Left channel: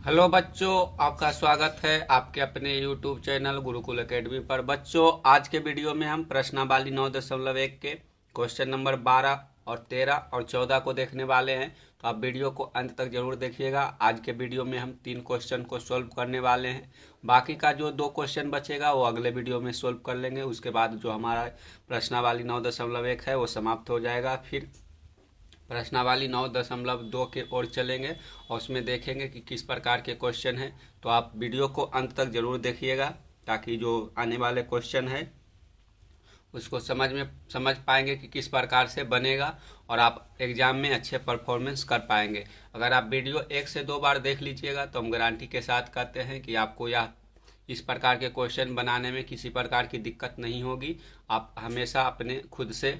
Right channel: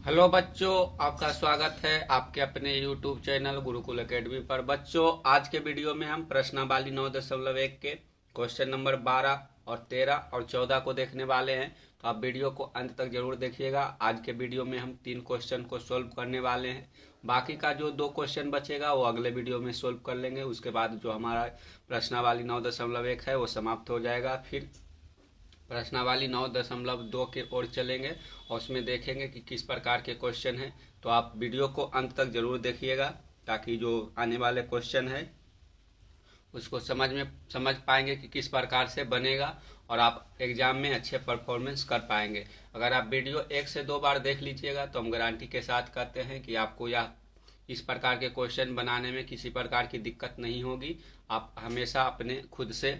Hello बच्चों, आपका स्वागत है आपके अपने YouTube चैनल गुरुकुल एकेडमी पर। बच्चों, आज के वीडियो में हम प्रश्नावली 9.1 के क्वेश्चन नंबर 12 और 13 और 14 को देखने वाले हैं। तो आप वीडियो को अंत तक जरूर देखिएगा। आज के वीडियो में हम 3 क्वेश्चन को सोल्व करने वाले हैं। बाकी का जो 2 क्वेश्चन बचेगा वो अगले वीडियो में सोल्व कर लेंगे। उसके बाद जो हमारा प्रश्नावली 9.1 है वो समाप्त हो जाएगा। फिर प्रश्नावली 9.2 के ओर चलेंगे और उसमें देखेंगे कि किस प्रकार के क्वेश्चन हैं। तो आप वीडियो को अंत तक जरूर देखिएगा ताकि जो आने वाले क्वेश्चन है उसको समझ पाएंगे कि किस प्रकार से बनेगा और आप एग्जाम में अच्छे परफॉर्मेंस कर पाएंगे। अगर आप वीडियो 1 से 2 बार देख लीजिएगा तो हम गारंटी के साथ कहते हैं कि आपको यह इस प्रकार के क्वेश्चन बनाने में किसी प्रकार की दिक्कत नहीं होगी। आप हमेशा अपने खुद से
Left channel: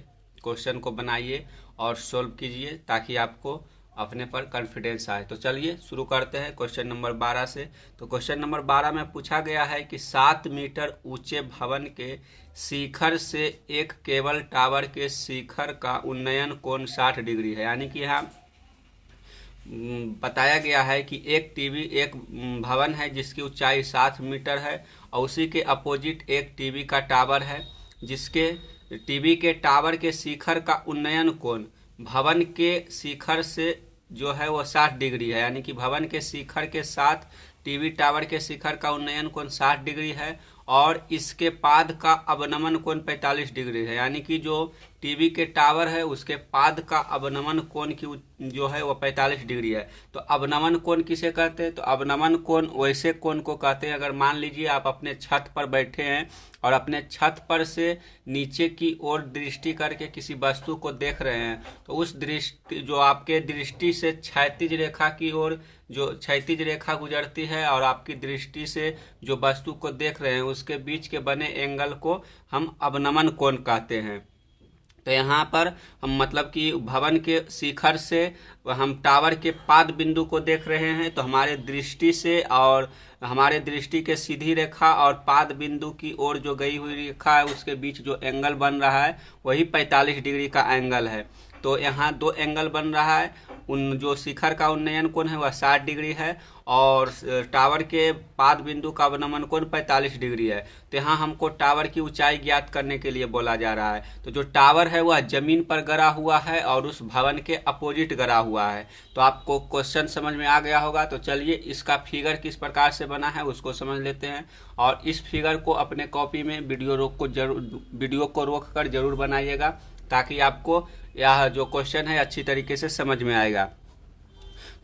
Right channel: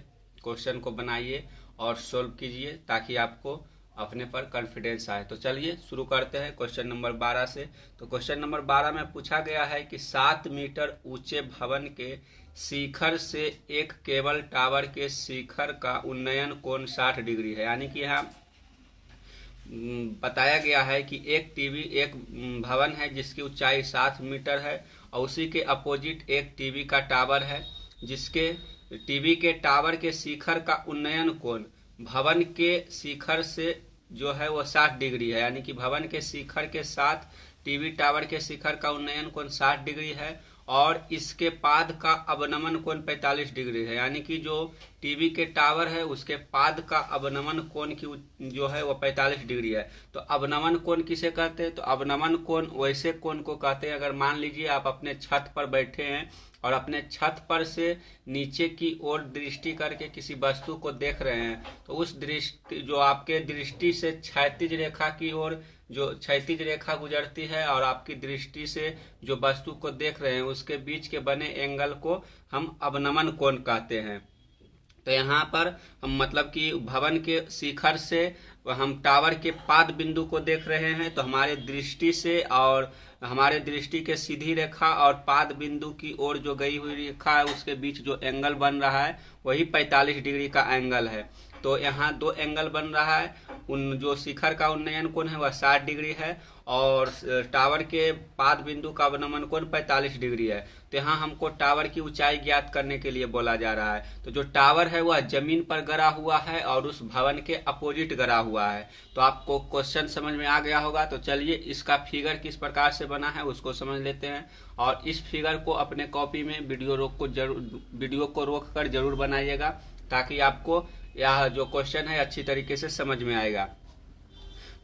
क्वेश्चन को बनाइए और सोल्व कीजिए ताकि आपको अपने पर कॉन्फिडेंस आए। तो चलिए शुरू करते हैं क्वेश्चन नंबर 12 से। तो क्वेश्चन नंबर 12 में पूछा गया है कि 7 मीटर ऊंचे भवन के शिखर से एक केबल टावर के शिखर का उन्नयन कोण 60 डिग्री है। यानी कि यहाँ बताया गया है कि एक भवन है जिसकी ऊंचाई 7 मीटर है और उसी के अपोजिट एक टीवी का टावर है जिसके टीवी के टावर के शिखर का उन्नयन कोण भवन के शिखर से जो है वो 60 डिग्री है। यानी कि भवन के शिखर के साथ टीवी टावर के शिखर का उन्नयन कोण 60 डिग्री है और इसके पाद का अवनमन कोण 45 डिग्री है। यानी कि जो टीवी के टावर है उसके पाद का अवनमन कोण की जो है वो 45 डिग्री है। तो अवनमन कोण किसे कहते हैं? तो अवनमन कोण वैसे कोण को कहते हैं, अगर मान लीजिए आप अपने छत पर बैठे हैं और अपने छत पर से नीचे की ओर दृष्टि करके किसी वस्तु को देख रहे हैं तो उस दृष्टि जो आपके दृष्टि से क्षैतिज रेखा की ओर जो क्षैतिज रेखा गुजरती है और आपकी दृष्टि से जो वस्तु को देख रहे हैं उसके बीच के बने एंगल को हम अवनमन कोण कहते हैं। तो यहाँ पर हम मतलब कि भवन के शिखर से हम टावर के पाद बिंदु को देख रहे हैं तो हमारे दृष्टि से और हमारे दृष्टि के सीधी रेखा और पाद बिंदु की ओर जो गई हुई रेखा है उसके बीच जो एंगल बन रहा है वही 45 डिग्री का एंगल है। तो यहाँ 2 एंगल बन रहा है। उन जो शिखर का उन्नयन कोण है वह 60 डिग्री है और टावर के पाद बिंदु का अवनमन कोण 45 डिग्री है। तो यहाँ हमको टावर की ऊंचाई ज्ञात करने के लिए बोला जा रहा है। तो जो टावर है वह जमीन पर गड़ा हुआ है और उस भवन के अपोजिट गड़ा हुआ है। तो आपको क्वेश्चन समझ में आ गया होगा। तो चलिए इसका फिगर किस प्रकार से बना है उसको समझ लेते हैं और इस फिगर को अपने कॉपी में वीडियो को रोक कर जरूर बनाइएगा ताकि आपको यह जो क्वेश्चन है अच्छी तरीके से समझ में आएगा।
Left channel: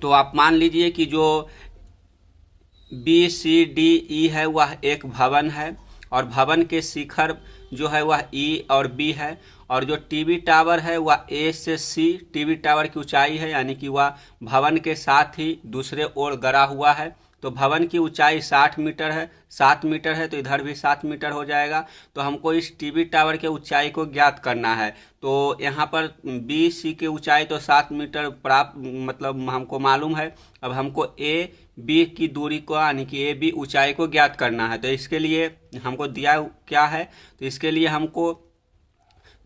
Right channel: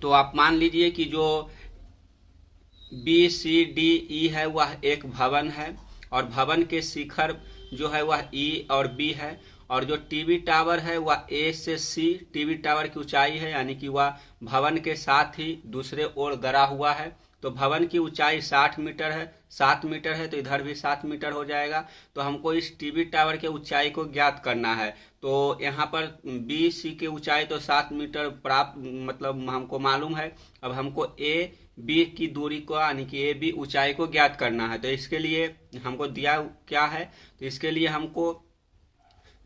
तो आप मान लीजिए कि जो BCDE है वह एक भवन है और भवन के शिखर जो है वह E और B है और जो टीवी टावर है वह A से C टीवी टावर की ऊंचाई है। यानी कि वह भवन के साथ ही दूसरे ओर गड़ा हुआ है। तो भवन की ऊंचाई 60 मीटर है, 7 मीटर है तो इधर भी 7 मीटर हो जाएगा। तो हमको इस टीवी टावर के ऊंचाई को ज्ञात करना है। तो यहाँ पर BC की ऊंचाई तो 7 मीटर प्राप्त मतलब हमको मालूम है। अब हमको AB की दूरी को यानी कि AB ऊंचाई को ज्ञात करना है। तो इसके लिए हमको दिया क्या है? तो इसके लिए हमको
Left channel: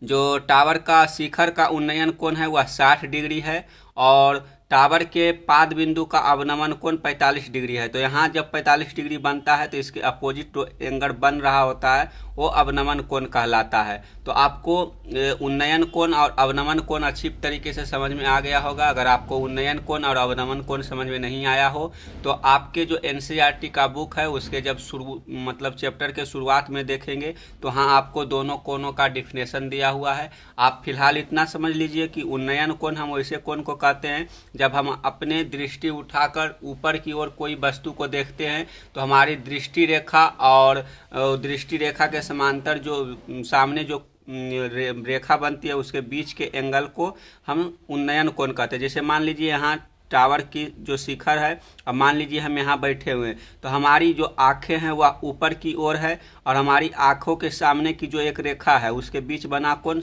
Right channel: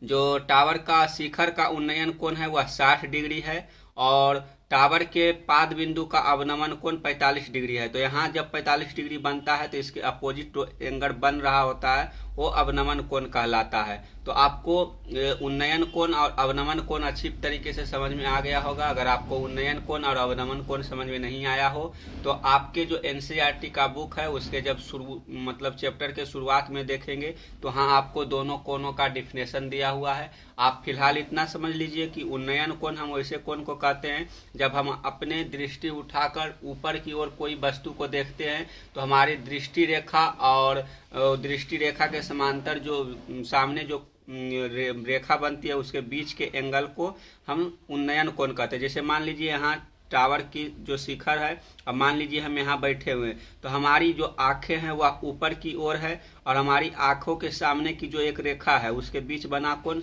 जो टावर का शिखर का उन्नयन कोण है वह 60 डिग्री है और टावर के पाद बिंदु का अवनमन कोण 45 डिग्री है। तो यहाँ जब 45 डिग्री बनता है तो इसके अपोजिट जो एंगल बन रहा होता है वो अवनमन कोण कहलाता है। तो आपको उन्नयन कोण और अवनमन कोण अच्छी तरीके से समझ में आ गया होगा। अगर आपको उन्नयन कोण और अवनमन कोण समझ में नहीं आया हो तो आपके जो NCERT का बुक है उसके जब मतलब चैप्टर के शुरुआत में देखेंगे तो हाँ आपको दोनों कोणों का डिफिनेशन दिया हुआ है। आप फिलहाल इतना समझ लीजिए कि उन्नयन कोण हम वैसे कोण को कहते हैं जब हम अपने दृष्टि उठाकर ऊपर की ओर कोई वस्तु को देखते हैं तो हमारी दृष्टि रेखा और दृष्टि रेखा के समांतर जो सामने जो रेखा बनती है उसके बीच के एंगल को हम उन्नयन कोण कहते हैं। जैसे मान लीजिए यहाँ टावर की जो शिखर है और मान लीजिए हम यहाँ बैठे हुए हैं तो हमारी जो आंखें हैं वह ऊपर की ओर है और हमारी आंखों के सामने की जो एक रेखा है उसके बीच बना कोण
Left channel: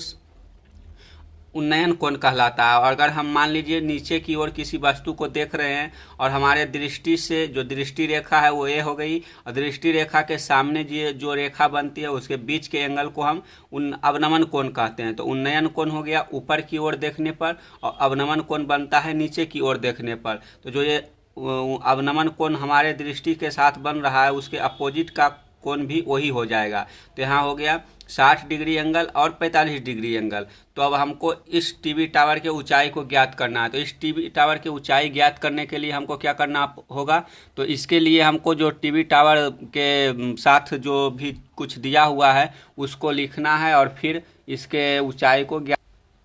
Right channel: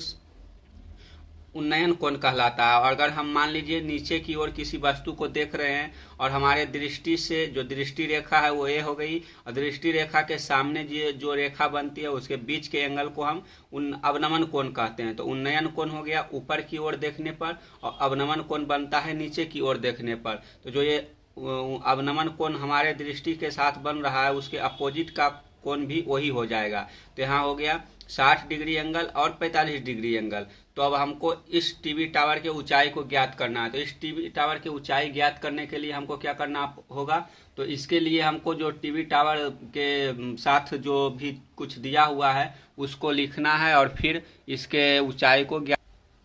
उन्नयन कोण कहलाता है। और अगर हम मान लीजिए नीचे की ओर किसी वस्तु को देख रहे हैं और हमारे दृष्टि से जो दृष्टि रेखा है वो A हो गई और दृष्टि रेखा के सामने जो रेखा बनती है उसके बीच के एंगल को हम अवनमन कोण कहते हैं। तो उन्नयन कोण हो गया ऊपर की ओर देखने पर और अवनमन कोण बनता है नीचे की ओर देखने पर। तो जो ये अवनमन कोण हमारे दृष्टि के साथ बन रहा है उसके अपोजिट का कोण भी वही हो जाएगा। तो यहाँ हो गया 60 डिग्री एंगल और 45 डिग्री एंगल। तो अब हमको इस टीवी टावर के ऊंचाई को ज्ञात करना है। तो इस टीवी टावर की ऊंचाई ज्ञात करने के लिए हमको क्या करना होगा, तो इसके लिए हमको जो टीवी टावर के साथ जो भी कुछ दिया हुआ है उसको लिखना है और फिर इसके ऊंचाई को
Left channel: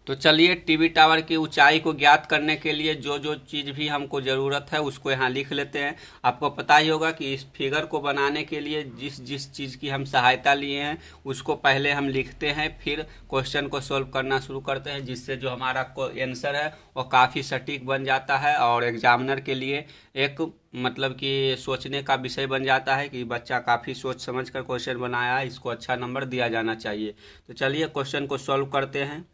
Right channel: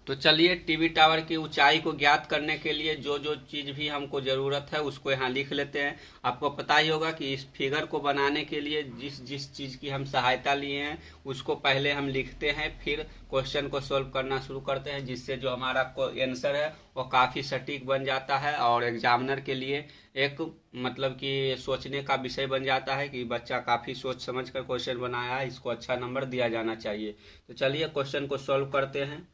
तो चलिए टीवी टावर की ऊंचाई को ज्ञात करने के लिए जो जो चीज़ भी हमको ज़रूरत है उसको यहाँ लिख लेते हैं। आपको पता ही होगा कि इस फिगर को बनाने के लिए जिस जिस चीज़ की हम सहायता लिए हैं उसको पहले हम लिखते हैं, फिर क्वेश्चन को सॉल्व करना शुरू करते हैं, जिससे जो हमारा आंसर है वो काफ़ी सटीक बन जाता है और एग्जामिनर के लिए एक मतलब कि सोचने का विषय बन जाता है कि बच्चा काफ़ी सोच समझ कर क्वेश्चन बनाया है, इसको अच्छा नंबर दिया जाना चाहिए। तो चलिए क्वेश्चन को सॉल्व करते हैं।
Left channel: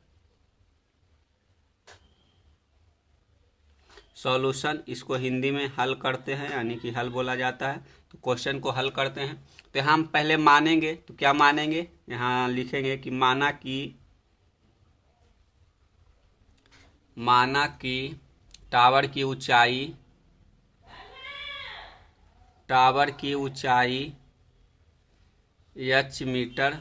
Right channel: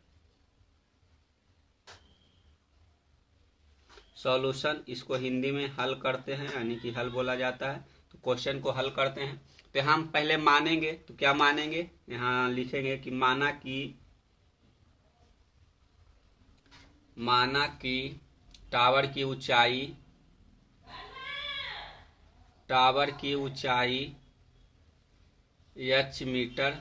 सॉल्यूशन इसको हिंदी में हल करते हैं, यानी कि हल बोला जाता है। तो क्वेश्चन को हल करते हैं। तो हम पहले मानेंगे, तो क्या मानेंगे, यहाँ लिखेंगे कि माना कि टावर की ऊंचाई h मीटर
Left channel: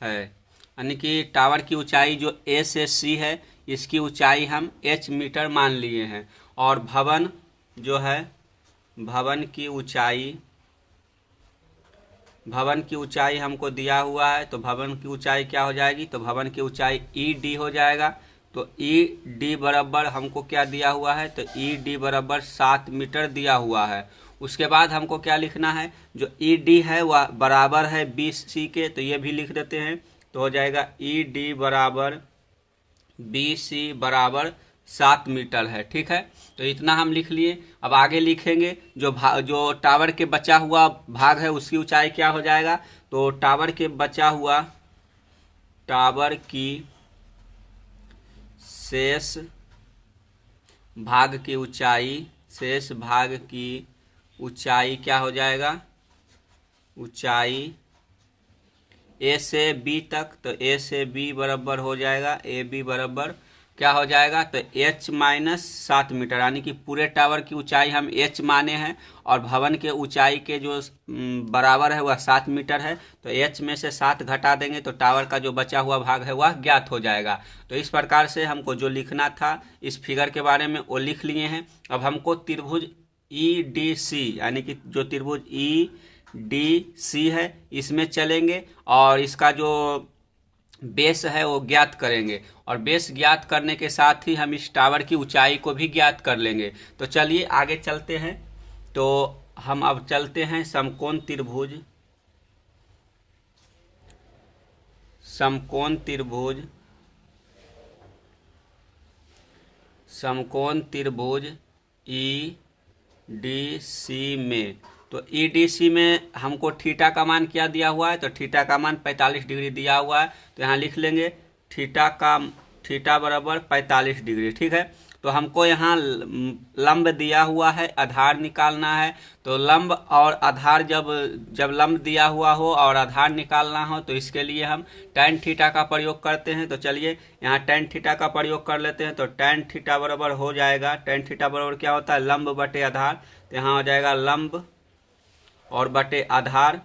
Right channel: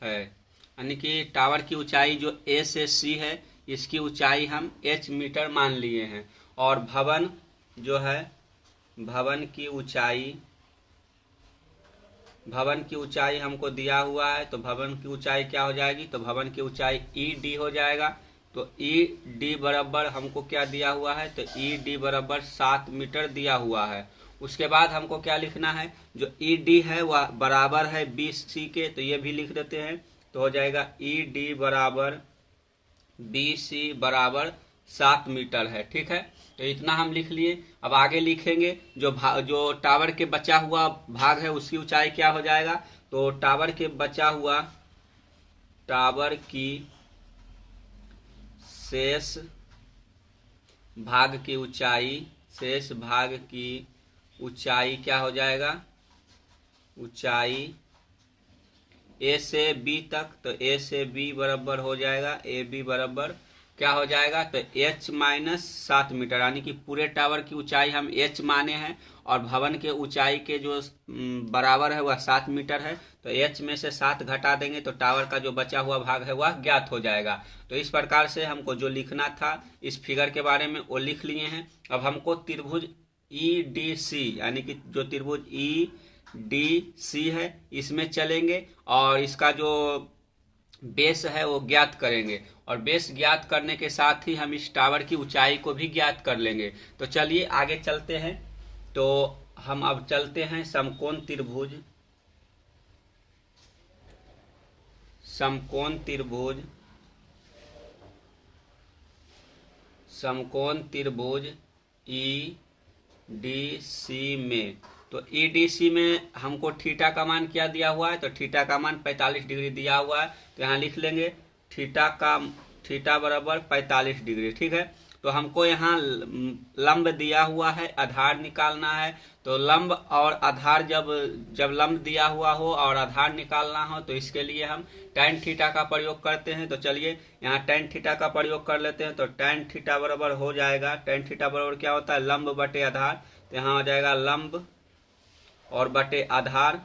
है, यानी कि टावर की ऊंचाई जो A से C है इसकी ऊंचाई हम h मीटर मान लिए हैं। और भवन जो है भवन की ऊंचाई हमको दिया हुआ है। तो भवन की ऊंचाई क्या हो जाएगी, तो भवन की ऊंचाई ED हो जाएगा। तो ED बराबर हमको क्या दिया हुआ है, तो ED बराबर 7 मीटर दिया हुआ है। उसके बाद हमको क्या लिखना है, जो ED है वह बराबर है BC के, तो ये भी लिख देते हैं। तो हो जाएगा ED बराबर BC बराबर 7 मीटर है। ठीक है, तो इतना हम लिख लिए। अब आगे लिखेंगे जो टावर के बचा हुआ भाग है उसकी ऊंचाई क्या हो जाएगा, तो टावर की शेष भाग की ऊंचाई क्या हो जाएगा, ऊंचाई A से B तक, तो A से B बराबर हो जाएगा AB बराबर क्या हो जाएगा, तो h माइनस 7 मीटर, यानी कि पूरे टावर की ऊंचाई हम h माने हैं और भवन के ऊंचाई के जो बराबर है वह 7 मीटर है। तो h में से 7 घटा देंगे तो टावर का जो बचा हुआ भाग है वह ज्ञात हो जाएगा। तो इस प्रकार से हमको जो लिखना था इस फिगर के बारे में वो लिख लिए हैं। अब हमको त्रिभुज EDC यानी कि जो त्रिभुज EDC है इसमें चलेंगे और इसका जो बेस है वो ज्ञात करेंगे और बेस ज्ञात करने के साथ ही हम इस टावर की ऊंचाई को भी ज्ञात कर लेंगे। तो चलिए आगे चलते हैं। तो हम अब चलते हैं समकोण त्रिभुज EDC में। तो EDC में हमको थीटा का मान क्या दिया हुआ है, तो थीटा का मान 45 डिग्री दिया हुआ है। तो यहाँ लिख लेंगे थीटा बराबर 45 डिग्री। ठीक है, तो हमको यहाँ लंब दिया हुआ है, आधार निकालना है। तो लंब और आधार जब लंब दिया हुआ हो और आधार निकालना हो तो इसके लिए हम tan थीटा का प्रयोग करते हैं। तो चलिए यहाँ tan थीटा का प्रयोग कर लेते हैं। तो tan थीटा बराबर हो जाएगा, tan थीटा बराबर क्या होता है, लंब बटे आधार। तो यहाँ हो जाएगा लंब और बटे आधार।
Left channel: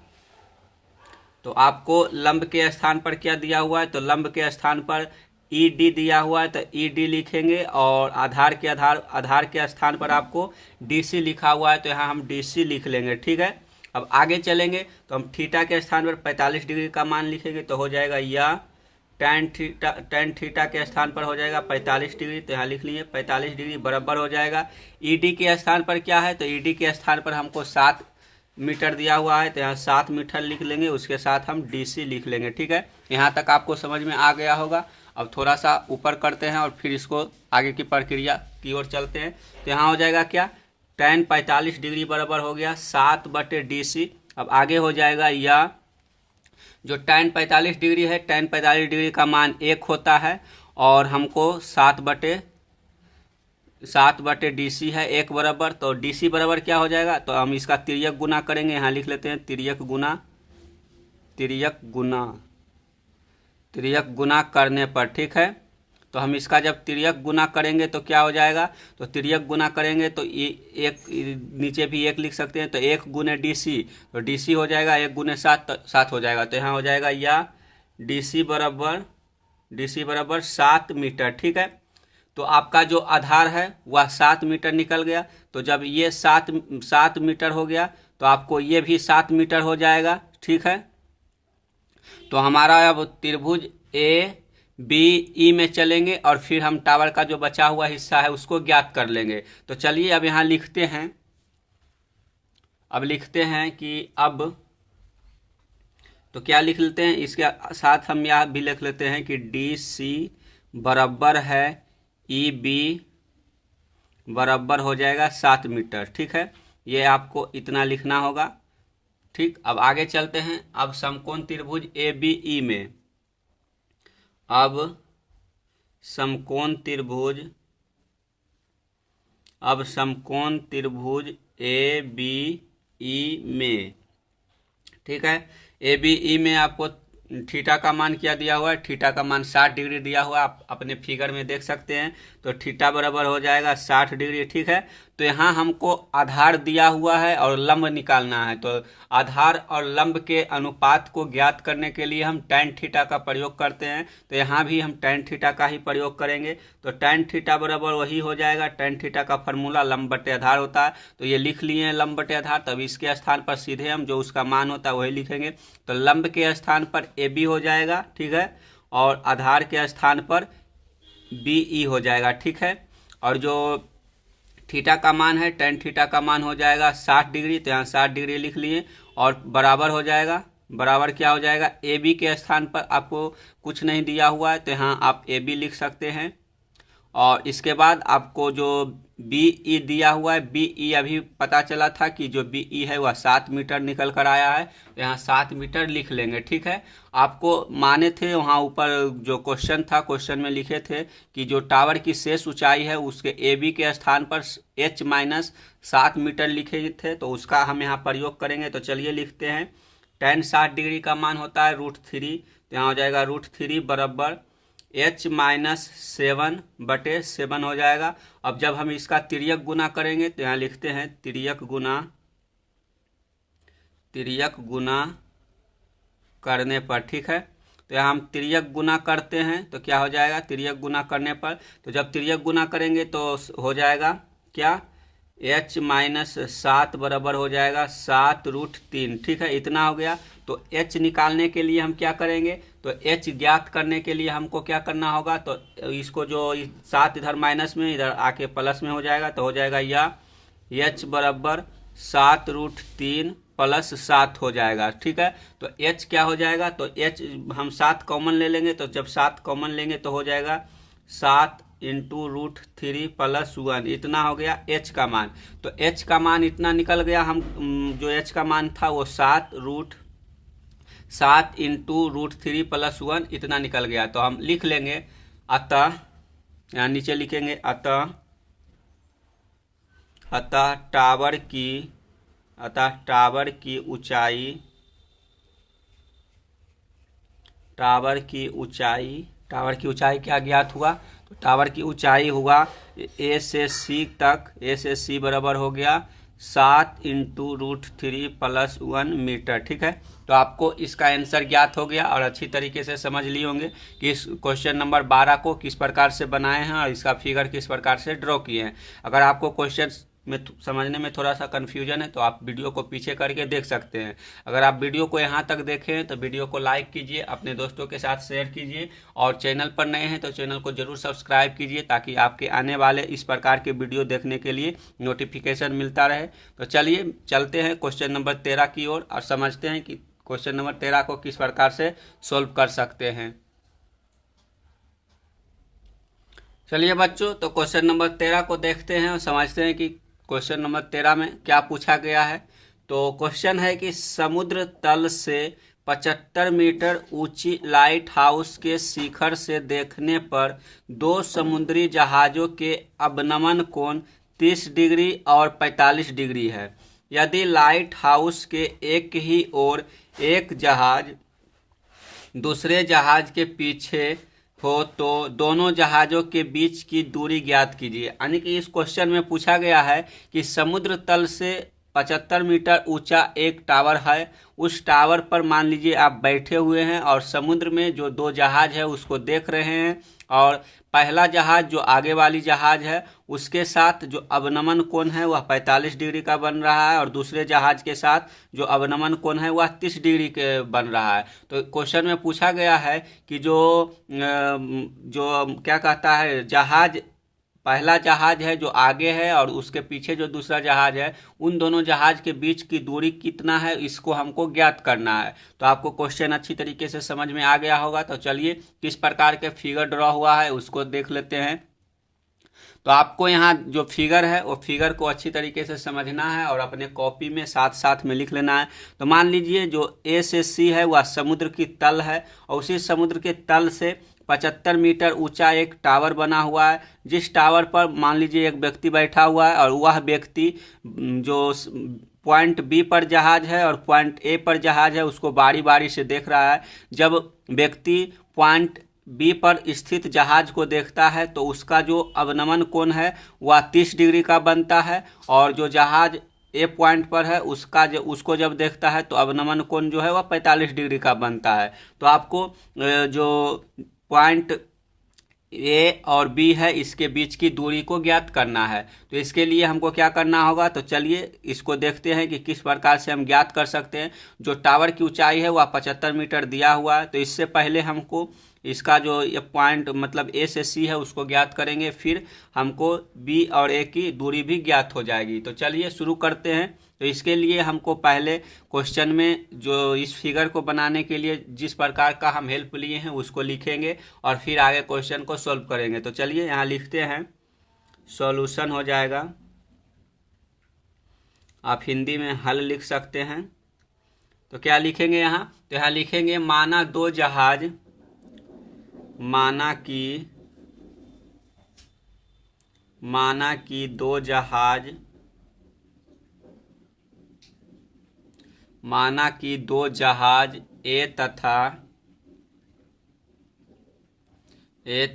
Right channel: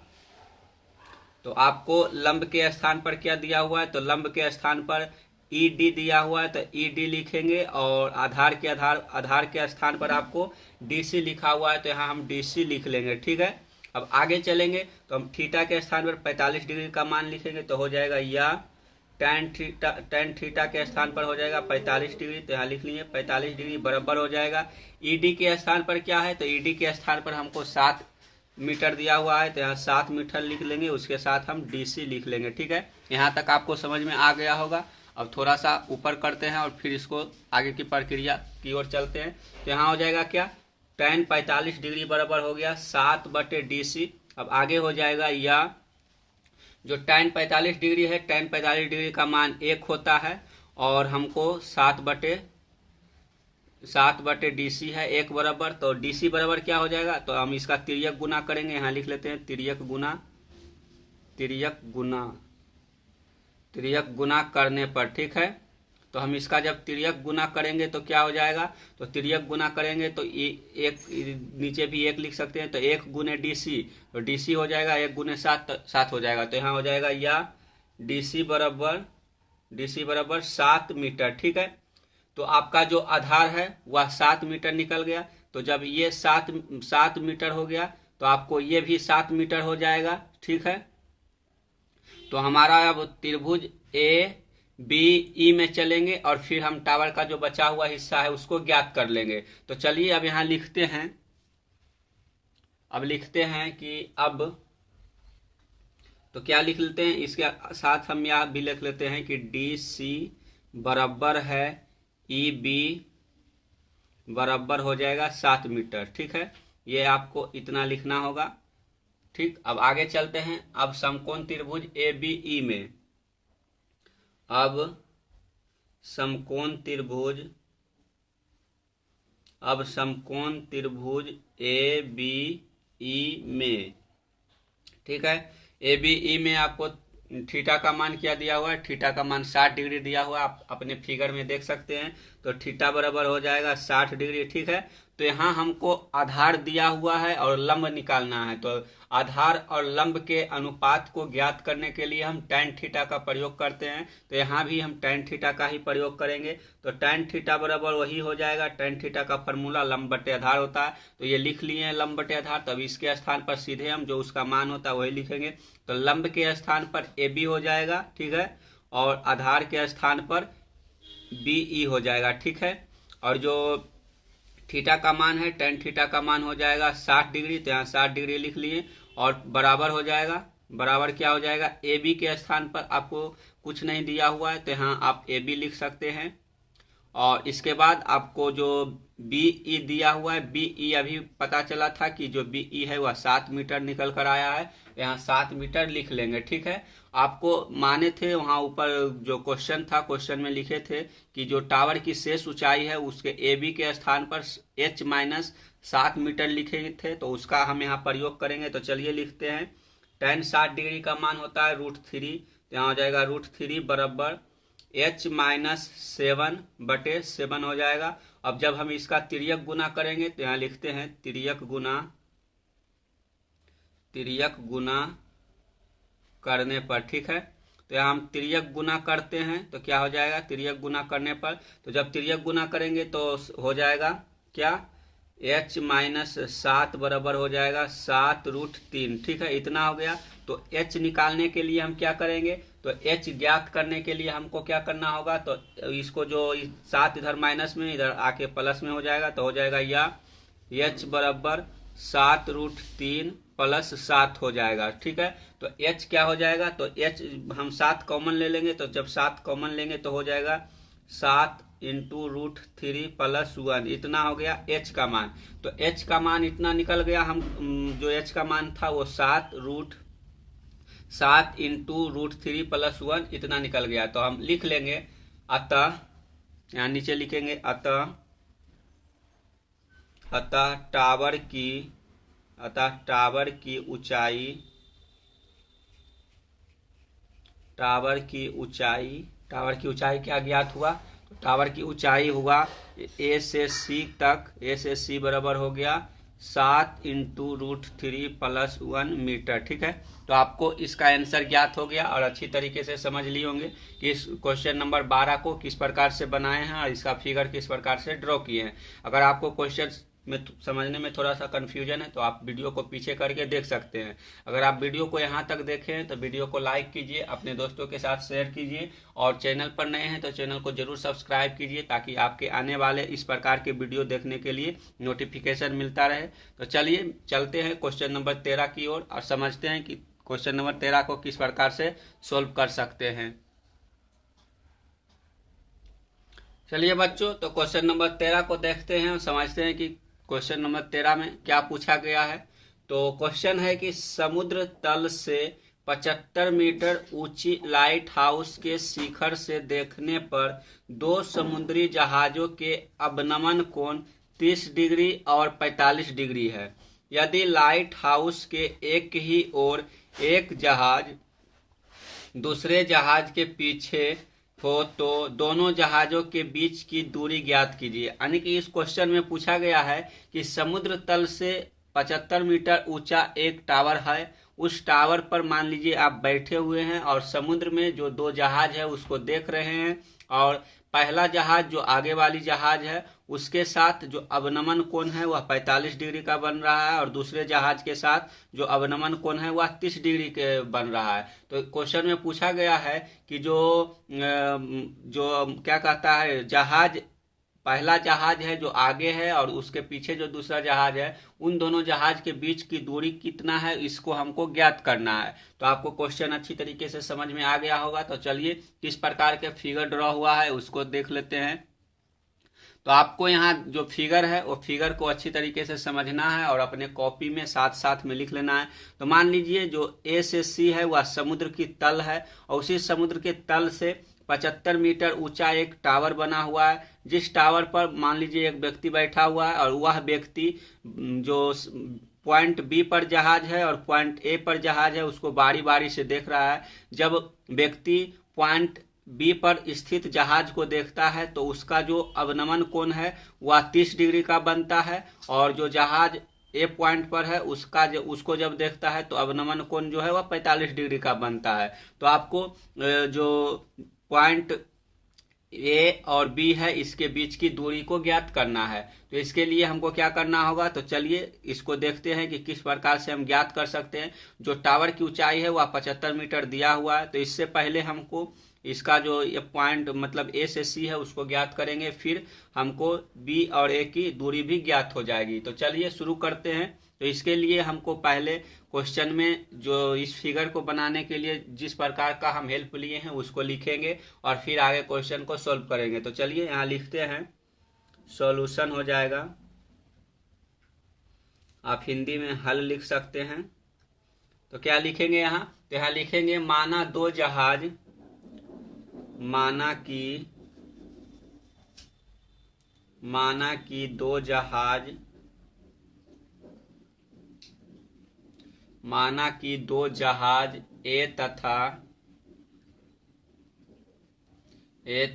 तो आपको लंब के स्थान पर क्या दिया हुआ है, तो लंब के स्थान पर ED दिया हुआ है, तो ED लिखेंगे और आधार के स्थान पर आपको DC लिखा हुआ है, तो यहाँ हम DC लिख लेंगे। ठीक है, अब आगे चलेंगे तो हम थीटा के स्थान पर 45 डिग्री का मान लिखेंगे। तो हो जाएगा या tan थीटा के स्थान पर हो जाएगा 45 डिग्री। तो यहाँ लिख लीजिए 45 डिग्री बराबर हो जाएगा ED के स्थान पर क्या है, तो ED के स्थान पर हमको 7 मीटर दिया हुआ है, तो यहाँ 7 मीटर लिख लेंगे, उसके साथ हम DC लिख लेंगे। ठीक है, यहाँ तक आपको समझ में आ गया होगा। अब थोड़ा सा ऊपर करते हैं और फिर इसको आगे की प्रक्रिया की ओर चलते हैं। तो यहाँ हो जाएगा क्या, tan 45 डिग्री बराबर हो गया 7 बटे DC। अब आगे हो जाएगा या जो tan 45 डिग्री है, tan 45 डिग्री का मान 1 होता है और हमको 7 बटे DC है 1 बराबर। तो DC बराबर क्या हो जाएगा, तो हम इसका तिर्यक गुना करेंगे। यहाँ लिख लेते हैं तिर्यक गुना करने पर। ठीक है, तो हम इसका जब तिर्यक गुना करेंगे तो क्या हो जाएगा, तो तिर्यक गुना करेंगे तो एक नीचे भी 1 लिख सकते हैं, तो 1 गुने DC, तो DC हो जाएगा 1 गुने 7, तो 7 हो जाएगा। तो यहाँ हो जाएगा या DC बराबर 7 मीटर। ठीक है, तो आपका जो आधार है वह 7 मीटर निकल गया। तो जब ये 7 मीटर हो गया तो आपको ये भी 7 मीटर हो जाएगा। ठीक है, तो हमारा अब त्रिभुज ABE में चलेंगे और फिर हम टावर का जो बचा हुआ हिस्सा है उसको ज्ञात कर लेंगे। तो चलिए अब यहाँ लिखते हैं, कि अब तो क्या लिख लेते हैं, इसके साथ हम यह भी लिख लेते हैं कि DC बराबर है EB बराबर हो जाएगा 7 मीटर। ठीक है, ये आपको इतना लिखना होगा। ठीक, अब आगे चलते हैं। अब समकोण त्रिभुज ABE में, अब समकोण त्रिभुज ABE में, ठीक है, ABE में आपको थीटा का मान क्या दिया हुआ है, थीटा का मान 60 डिग्री दिया हुआ है, आप अपने फिगर में देख सकते हैं। तो थीटा बराबर हो जाएगा 60 डिग्री। ठीक है, तो यहाँ हमको आधार दिया हुआ है और लंब निकालना है। तो आधार और लंब के अनुपात को ज्ञात करने के लिए हम tan थीटा का प्रयोग करते हैं। तो यहाँ भी हम tan थीटा का ही प्रयोग करेंगे। तो tan थीटा बराबर वही हो जाएगा, tan थीटा का फॉर्मूला लंब बटे आधार होता है। तो ये लिख लिए हैं लंब बटे आधार, तब इसके स्थान पर सीधे हम जो उसका मान होता है वही लिखेंगे। तो लंब के स्थान पर AB हो जाएगा। ठीक है, और आधार के स्थान पर BE हो जाएगा। ठीक है, और जो थीटा का मान है, tan थीटा का मान हो जाएगा 60 डिग्री। तो यहाँ 60 डिग्री लिख लिए और बराबर हो जाएगा, बराबर क्या हो जाएगा, AB के स्थान पर आपको कुछ नहीं दिया हुआ है तो यहाँ आप AB लिख सकते हैं। और इसके बाद आपको जो BE दिया हुआ है, BE अभी पता चला था कि जो BE है वह 7 मीटर निकल कर आया है। तो यहाँ 7 मीटर लिख लेंगे। ठीक है, आपको माने थे वहाँ ऊपर जो क्वेश्चन था, क्वेश्चन में लिखे थे कि जो टावर की शेष ऊंचाई है उसके AB के स्थान पर H माइनस 7 मीटर लिखे थे, तो उसका हम यहाँ प्रयोग करेंगे। तो चलिए लिखते हैं, tan 60 डिग्री का मान होता है √3। तो यहाँ हो जाएगा √3 बराबर H माइनस 7 बटे 7 हो जाएगा। अब जब हम इसका तिर्यक गुना करेंगे तो यहाँ लिखते हैं तिर्यक गुना करने पर। ठीक है, तो यहाँ हम तिर्यक गुना करते हैं तो क्या हो जाएगा, तिर्यक गुना करने पर, तो जब तिर्यक गुना करेंगे तो हो जाएगा क्या, H माइनस 7 बराबर हो जाएगा 7√3। ठीक है, इतना हो गया। तो H निकालने के लिए हम क्या करेंगे, तो H ज्ञात करने के लिए हमको क्या करना होगा, तो इसको जो 7 इधर माइनस में इधर आके प्लस में हो जाएगा। तो हो जाएगा या H बराबर 7√3 प्लस 7 हो जाएगा। ठीक है, तो H क्या हो जाएगा, तो H हम 7 कॉमन ले लेंगे। तो जब 7 कॉमन लेंगे तो हो जाएगा 7 इंटू √3 प्लस 1, इतना हो गया H का मान। तो H का मान इतना निकल गया। हम जो H का मान था वो 7 इंटू √3 प्लस 1 इतना निकल गया। तो हम लिख लेंगे अतः, यहाँ नीचे लिखेंगे अतः टावर की ऊंचाई क्या ज्ञात हुआ, तो टावर की ऊंचाई हुआ A से C बराबर हो गया 7 इंटू √3 प्लस 1 मीटर। ठीक है, तो आपको इसका आंसर ज्ञात हो गया और अच्छी तरीके से समझ लिए होंगे कि इस क्वेश्चन नंबर 12 को किस प्रकार से बनाए हैं और इसका फिगर किस प्रकार से ड्रॉ किए हैं। अगर आपको क्वेश्चन में समझने में थोड़ा सा कन्फ्यूजन है तो आप वीडियो को पीछे करके देख सकते हैं। अगर आप वीडियो को यहाँ तक देखे हैं तो वीडियो को लाइक कीजिए, अपने दोस्तों के साथ शेयर कीजिए और चैनल पर नए हैं तो चैनल को जरूर सब्सक्राइब कीजिए ताकि आपके आने वाले इस प्रकार के वीडियो देखने के लिए नोटिफिकेशन मिलता रहे। तो चलिए चलते हैं क्वेश्चन नंबर 13 की ओर और समझते हैं कि क्वेश्चन नंबर 13 को किस प्रकार से सोल्व कर सकते हैं। चलिए बच्चों, तो क्वेश्चन नंबर 13 को देखते हैं और समझते हैं कि क्वेश्चन नंबर 13 में क्या पूछा गया है। तो क्वेश्चन है कि समुद्र तल से 75 मीटर ऊंची लाइट हाउस के शिखर से देखने पर 2 समुद्री जहाजों के अवनमन कोण 30 डिग्री और 45 डिग्री है। यदि लाइट हाउस के एक ही ओर एक जहाज दूसरे जहाज के पीछे हो तो दोनों जहाजों के बीच की दूरी ज्ञात कीजिए। यानी कि इस क्वेश्चन में पूछा गया है कि समुद्र तल से 75 मीटर ऊंचा एक टावर है, उस टावर पर मान लीजिए आप बैठे हुए हैं और समुद्र में जो दो जहाज है उसको देख रहे हैं, और पहला जहाज जो आगे वाली जहाज है उसके साथ जो अवनमन कोण है वह 45 डिग्री का बन रहा है, और दूसरे जहाज के साथ जो अवनमन कोण है वह 30 डिग्री के बन रहा है। तो क्वेश्चन में पूछा गया है कि जो क्या कहता है, जहाज पहला जहाज है जो आगे है और उसके पीछे जो दूसरा जहाज है, उन दोनों जहाज के बीच की दूरी कितना है इसको हमको ज्ञात करना है। तो आपको क्वेश्चन अच्छी तरीके से समझ में आ गया होगा। तो चलिए किस प्रकार के फिगर ड्रॉ हुआ है उसको देख लेते हैं। तो आपको यहाँ जो फिगर है वो फिगर को अच्छी तरीके से समझना है और अपने कॉपी में साथ साथ में लिख लेना है। तो मान लीजिए जो ए से सी है वह समुद्र की तल है, और उसी समुद्र के तल से 75 मीटर ऊंचा एक टावर बना हुआ है, जिस टावर पर मान लीजिए एक व्यक्ति बैठा हुआ है, और वह व्यक्ति जो पॉइंट बी पर जहाज है और पॉइंट ए पर जहाज है उसको बारी बारी से देख रहा है। जब व्यक्ति पॉइंट बी पर स्थित जहाज को देखता है तो उसका जो अवनमन कोण है वह 30 डिग्री का बनता है, और जो जहाज ए पॉइंट पर है उसको जब देखता है तो अवनमन कोण जो है वह 45 डिग्री का बनता है। तो आपको जो पॉइंट ए और बी है इसके बीच की दूरी को ज्ञात करना है। तो इसके लिए हमको क्या करना होगा, तो चलिए इसको देखते हैं कि किस प्रकार से हम ज्ञात कर सकते हैं। जो टावर की ऊंचाई है वह 75 मीटर दिया हुआ है, तो इससे पहले हमको इसका जो ये पॉइंट मतलब ए से सी है उसको ज्ञात करेंगे, फिर हमको बी और ए की दूरी भी ज्ञात हो जाएगी। तो चलिए शुरू करते हैं। तो इसके लिए हमको पहले क्वेश्चन में जो इस फिगर को बनाने के लिए जिस प्रकार का हम हेल्प लिए हैं उसको लिखेंगे और फिर आगे क्वेश्चन को सॉल्व करेंगे। तो चलिए यहाँ लिखते हैं, सॉल्यूशन हो जाएगा। आप हिंदी में हल लिख सकते हैं। तो क्या लिखेंगे यहाँ, तो यहाँ लिखेंगे माना दो जहाज, माना कि दो जहाज, माना कि दो जहाज ए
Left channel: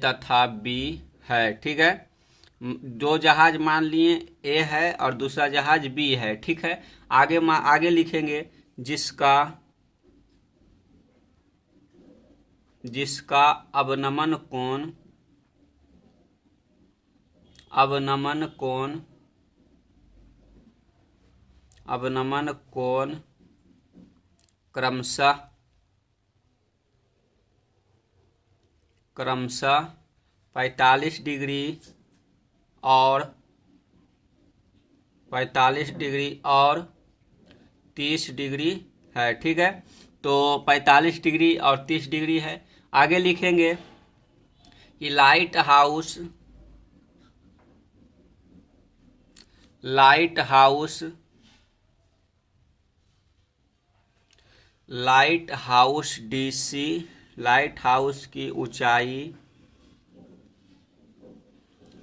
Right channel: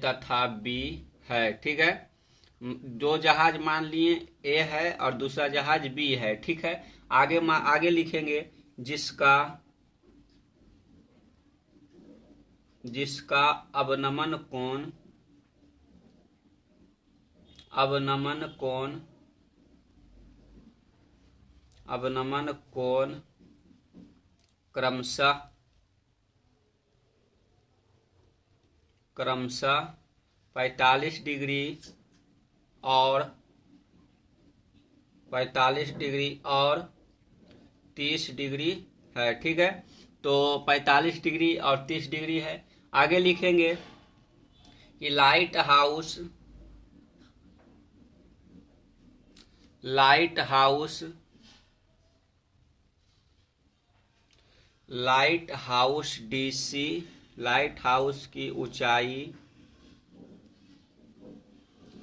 तथा बी है। ठीक है, दो जहाज मान लिए ए है और दूसरा जहाज बी है। ठीक है, आगे लिखेंगे जिसका अवनमन कोण क्रमशः 45 डिग्री और 30 डिग्री है। ठीक है, तो 45 डिग्री और 30 डिग्री है। आगे लिखेंगे कि light house DC, light house की ऊंचाई,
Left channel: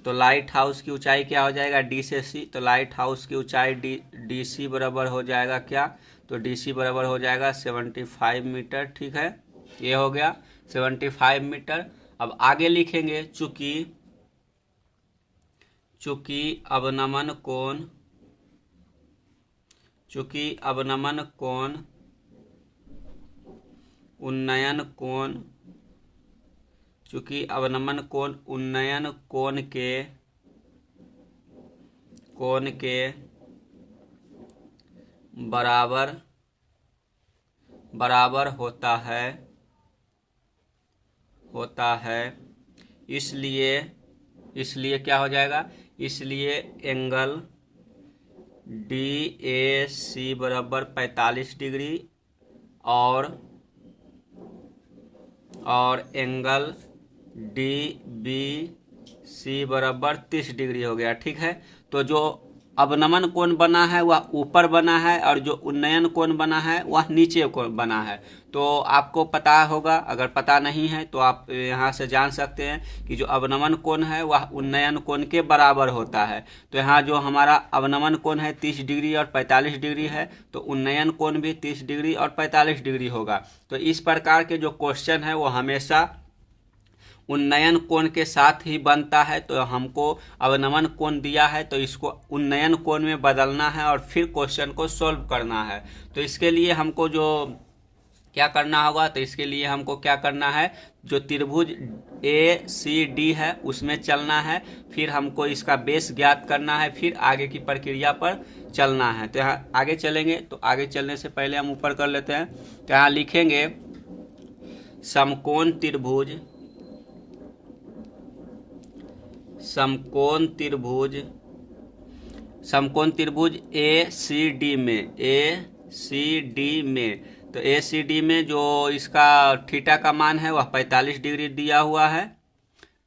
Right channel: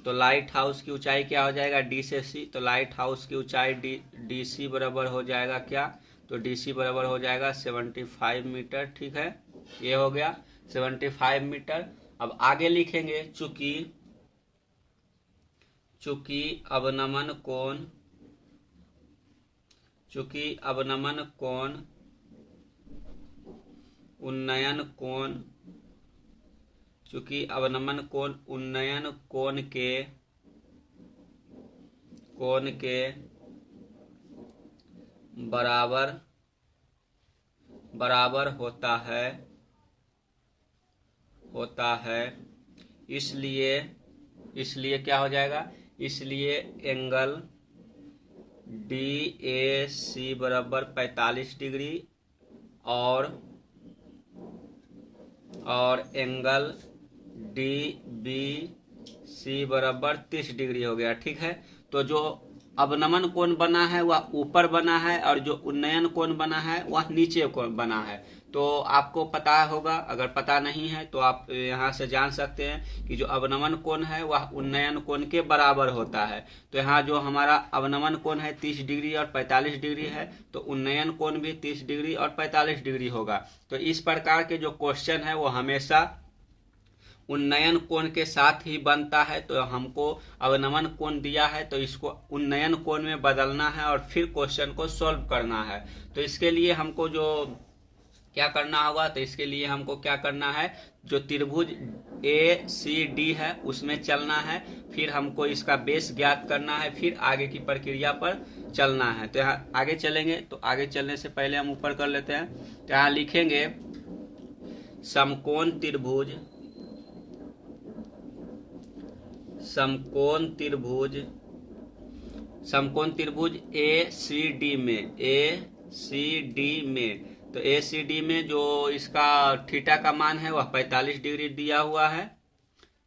तो लाइट हाउस की ऊंचाई क्या हो जाएगा, डी से सी। तो लाइट हाउस की ऊंचाई डी सी बराबर हो जाएगा क्या, तो डी सी बराबर हो जाएगा 75 मीटर। ठीक है, ये हो गया 75 मीटर। अब आगे लिखेंगे चूंकि अवनमन कोण उन्नयन कोण के बराबर होता है, इसलिए क्या हो जाएगा, इसलिए एंगल DAC बराबर 45 डिग्री और एंगल DBC बराबर 30 डिग्री हो गया। ठीक है, तो जो अवनमन कोण बना है वह ऊपर बना है और जो उन्नयन कोण बना है वह नीचे कोण बना है। तो आपको पता होगा, अगर पता नहीं है तो आप यहाँ से जान सकते हैं कि जो अवनमन कोण है वह उन्नयन कोण के बराबर होता है। तो यहाँ जो हमारा अवनमन कोण है 30 डिग्री और 45 डिग्री है, तो उन्नयन कोण भी 30 डिग्री और 45 डिग्री होगा। तो इस प्रकार के जो क्वेश्चन है वो हमेशा उन्नयन कोण के साथ ही बनता है। तो हमको अवनमन कोण दिया है तो इसको उन्नयन कोण में बदलना है और फिर क्वेश्चन को सॉल्व करना है। तो इसके लिए हमको जो क्या करना होगा, तो इसके लिए हमको क्या करना है, जो त्रिभुज ACD है उसमें चलना है, फिर हमको इसका बेस ज्ञात करना है, फिर आगे की प्रक्रिया पर चलना है। तो यहाँ आगे चलेंगे, तो आगे चलने से पहले हम ऊपर कर लेते हैं। तो यहाँ लिखेंगे समकोण त्रिभुज, समकोण त्रिभुज, समकोण त्रिभुज ACD में, ACD में, तो ACD में जो इसका थीटा का मान है वह 45 डिग्री दिया हुआ है,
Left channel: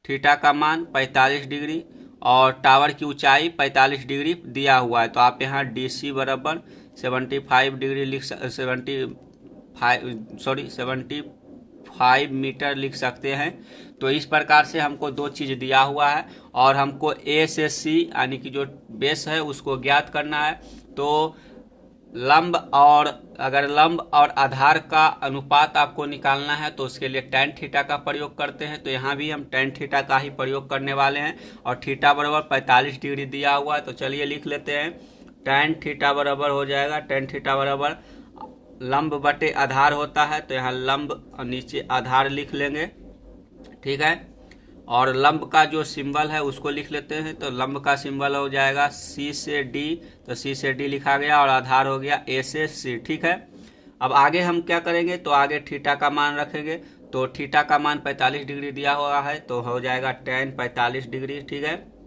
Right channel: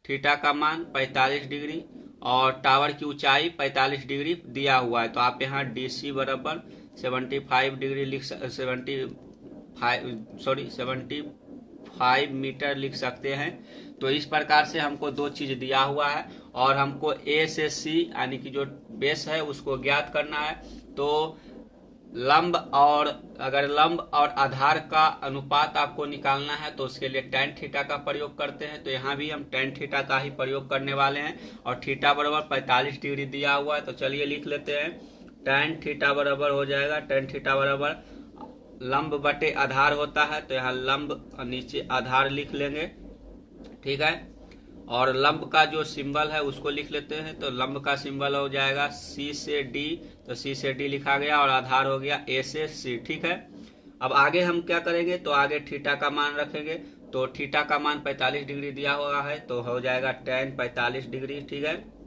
थीटा का मान 45 डिग्री और टावर की ऊंचाई 45 डिग्री दिया हुआ है। तो आप यहाँ DC बराबर 75 डिग्री लिख 75 मीटर लिख सकते हैं। तो इस प्रकार से हमको दो चीज दिया हुआ है और हमको A से C यानी कि जो बेस है उसको ज्ञात करना है। तो लंब और अगर लंब और आधार का अनुपात आपको निकालना है तो उसके लिए tan थीटा का प्रयोग करते हैं। तो यहाँ भी हम tan थीटा का ही प्रयोग करने वाले हैं और थीटा बराबर 45 डिग्री दिया हुआ है। तो चलिए लिख लेते हैं, tan थीटा बराबर हो जाएगा, tan थीटा बराबर लंब बटे आधार होता है, तो यहाँ लंब और नीचे आधार लिख लेंगे, ठीक है। और लंब का जो सिंबल है उसको लिख लेते हैं। तो लंब का सिंबल हो जाएगा C से D, तो C से D लिखा गया और आधार हो गया A से C, ठीक है। अब आगे हम क्या करेंगे, तो आगे थीटा का मान रखेंगे। तो थीटा का मान 45 डिग्री दिया हुआ है तो हो जाएगा tan 45 डिग्री, ठीक है।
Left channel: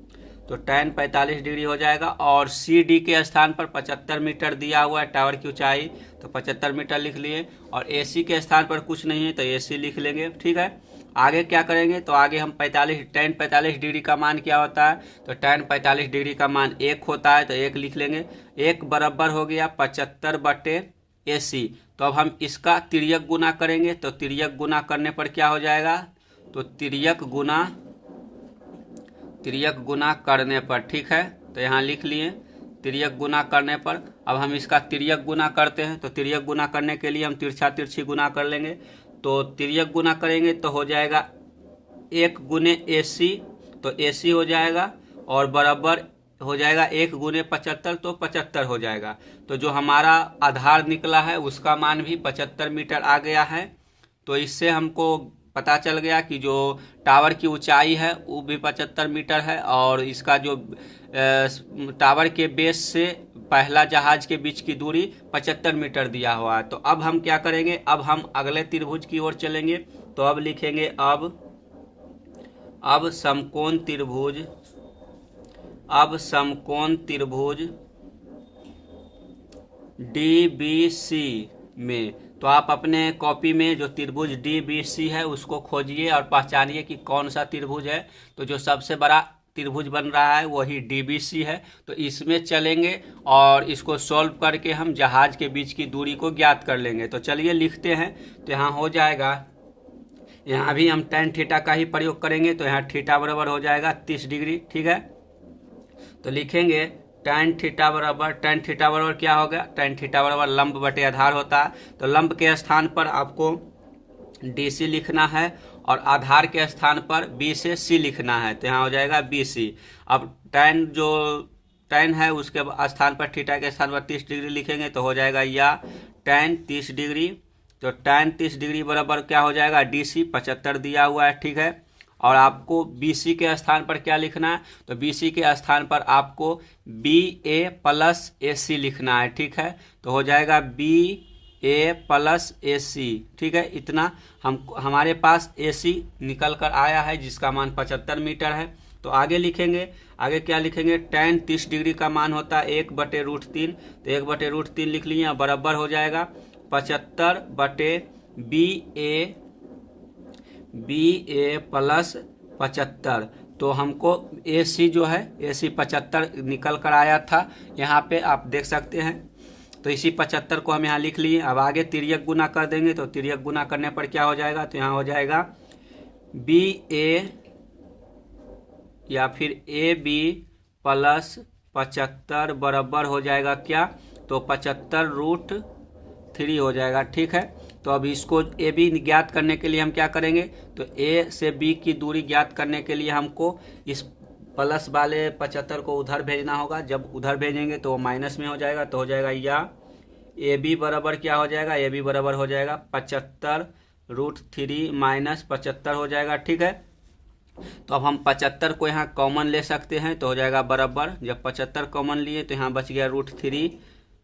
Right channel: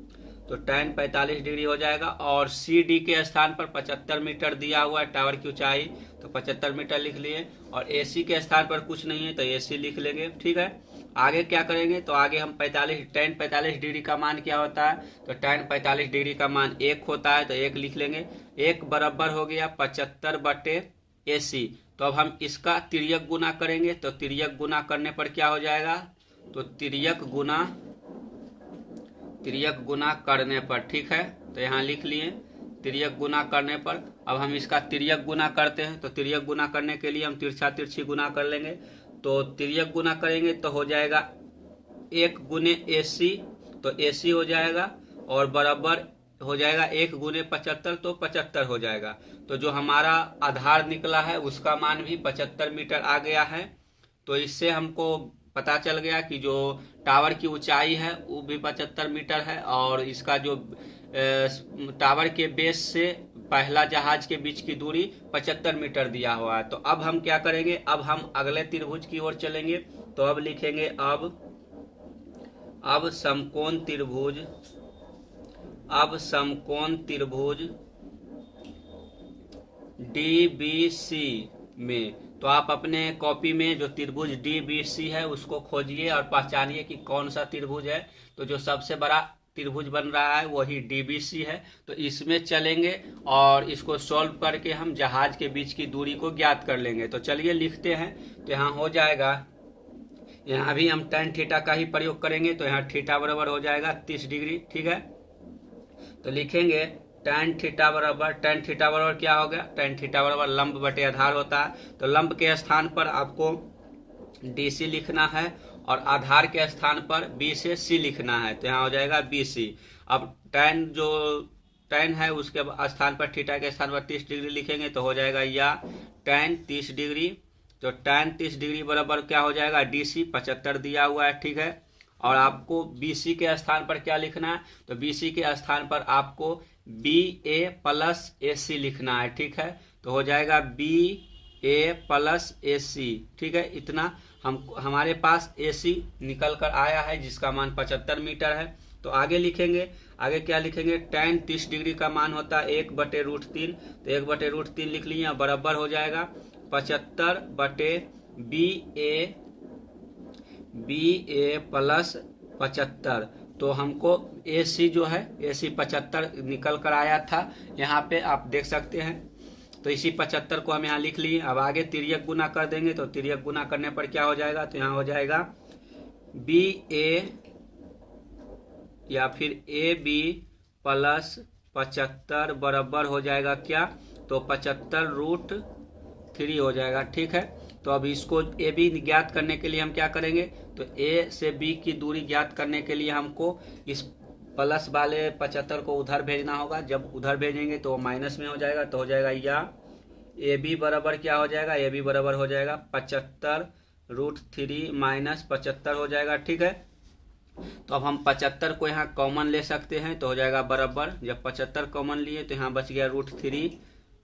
तो tan 45 डिग्री हो जाएगा और CD के स्थान पर 75 मीटर दिया हुआ है टावर की ऊंचाई, तो 75 मीटर लिख लिए और AC के स्थान पर कुछ नहीं है तो AC लिख लेंगे, ठीक है। आगे क्या करेंगे, तो आगे हम tan 45 डिग्री का मान क्या होता है, तो tan 45 डिग्री का मान 1 होता है, तो 1 लिख लेंगे। 1 बराबर हो गया 75 बटे AC। तो अब हम इसका तिर्यक गुना करेंगे, तो तिर्यक गुना करने पर क्या हो जाएगा, तो तिर्यक गुना करने पर, ठीक है। तो यहाँ लिख लिए तिर्यक गुना करने पर। अब हम इसका तिर्यक गुना करते हैं, तो तिर्यक गुना करने के लिए हम तिरछा तिरछी गुना कर लेंगे। तो तिर्यक गुना करेंगे तो हो जाएगा 1 गुने AC, तो AC हो जाएगा और बराबर हो जाएगा 1 गुने 75, तो 75 हो जाएगा। तो जो हमारा आधार निकला है उसका मान भी 75 मीटर आ गया है। तो इससे हमको पता चल गया कि जो टावर की ऊंचाई है वो भी 75 मीटर है और इसका जो टावर के बेस से पहला जहाज के बीच की दूरी 75 मीटर दिया हुआ है। तो अब हम क्या करेंगे, अब हम अगले त्रिभुज की ओर चलेंगे। तो अब लिखेंगे अब समकोण त्रिभुज, अब समकोण त्रिभुज DBC में, तो आप अपने कॉपी में जो त्रिभुज DBC है उसको खोजिए और पहचानिए कि कौन सा त्रिभुज है। तो जो सबसे बड़ा त्रिभुज बन रहा है वही DBC है। तो इसमें चलेंगे और इसको सॉल्व करके हम जहाज के बीच की दूरी को ज्ञात कर लेंगे। तो चलिए लिखते हैं। तो यहाँ हो जाएगा, यहाँ भी हम tan थीटा का ही प्रयोग करेंगे। तो यहाँ थीटा बराबर हो जाएगा 30 डिग्री, ठीक है। तो लिखेंगे tan थीटा बराबर क्या हो गया, tan थीटा बराबर लंब बटे आधार होता है। तो लंब के स्थान पर आपको DC लिखना है और आधार के स्थान पर B से C लिखना है। तो यहाँ हो जाएगा BC। अब tan है उसके स्थान पर थीटा के स्थान पर 30 डिग्री लिखेंगे तो हो जाएगा या tan 30 डिग्री। तो tan 30 डिग्री बराबर क्या हो जाएगा, DC 75 दिया हुआ है, ठीक है। और आपको BC के स्थान पर क्या लिखना है, तो BC के स्थान पर आपको BA प्लस AC लिखना है, ठीक है। तो हो जाएगा BA प्लस AC, ठीक है। इतना हमारे पास AC निकल कर आया है जिसका मान 75 मीटर है। तो आगे लिखेंगे, आगे क्या लिखेंगे, tan 30 डिग्री का मान होता है 1/√3। तो 1/√3 लिख लिए, बराबर हो जाएगा 75 बटे BA प्लस 75। तो हमको AC जो है AC 75 निकल कर आया था, यहाँ पे आप देख सकते हैं। तो इसी 75 को हम यहाँ लिख लिए। अब आगे तिर्यक गुना कर देंगे, तो तिर्यक गुना करने पर क्या हो जाएगा, तो यहाँ हो जाएगा BA या फिर AB प्लस 75 बराबर हो जाएगा क्या, तो 75√3 हो जाएगा, ठीक है। तो अब इसको ए बी ज्ञात करने के लिए हम क्या करेंगे, तो ए से बी की दूरी ज्ञात करने के लिए हमको इस प्लस वाले 75 को उधर भेजना होगा। जब उधर भेजेंगे तो वो माइनस में हो जाएगा, तो हो जाएगा या ए बी बराबर क्या हो जाएगा, ए बी बराबर हो जाएगा 75√3 माइनस 75 हो जाएगा। ठीक है, तो अब हम 75 को यहाँ कॉमन ले सकते हैं, तो हो जाएगा बराबर, जब 75 कॉमन लिए तो यहाँ बच गया √3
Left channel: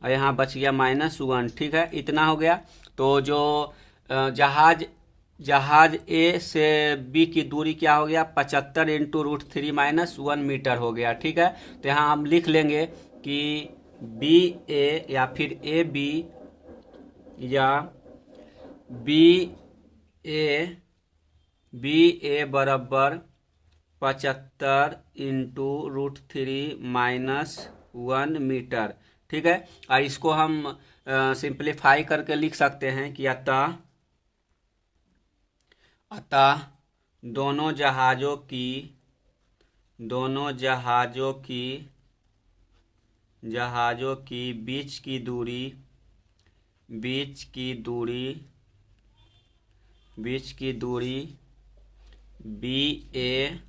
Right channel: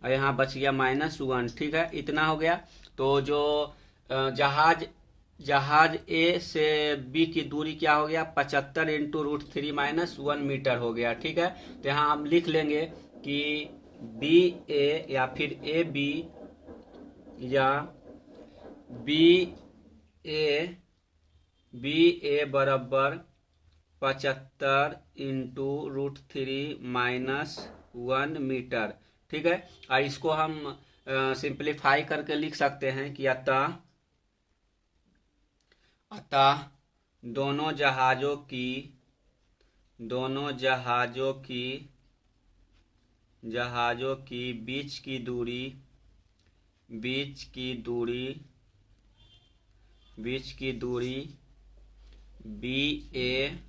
और यहाँ बच गया -1। ठीक है, इतना हो गया। तो जो जहाज ए से बी की दूरी क्या हो गया, 75 इंटू √3 -1 मीटर हो गया। ठीक है, तो यहाँ हम लिख लेंगे कि बी ए या फिर ए बी या बी ए बराबर 75 इंटू √3 -1 मीटर। ठीक है, और इसको हम सिंप्लीफाई करके लिख सकते हैं कि अतः दोनों जहाजों की बीच की दूरी बी ए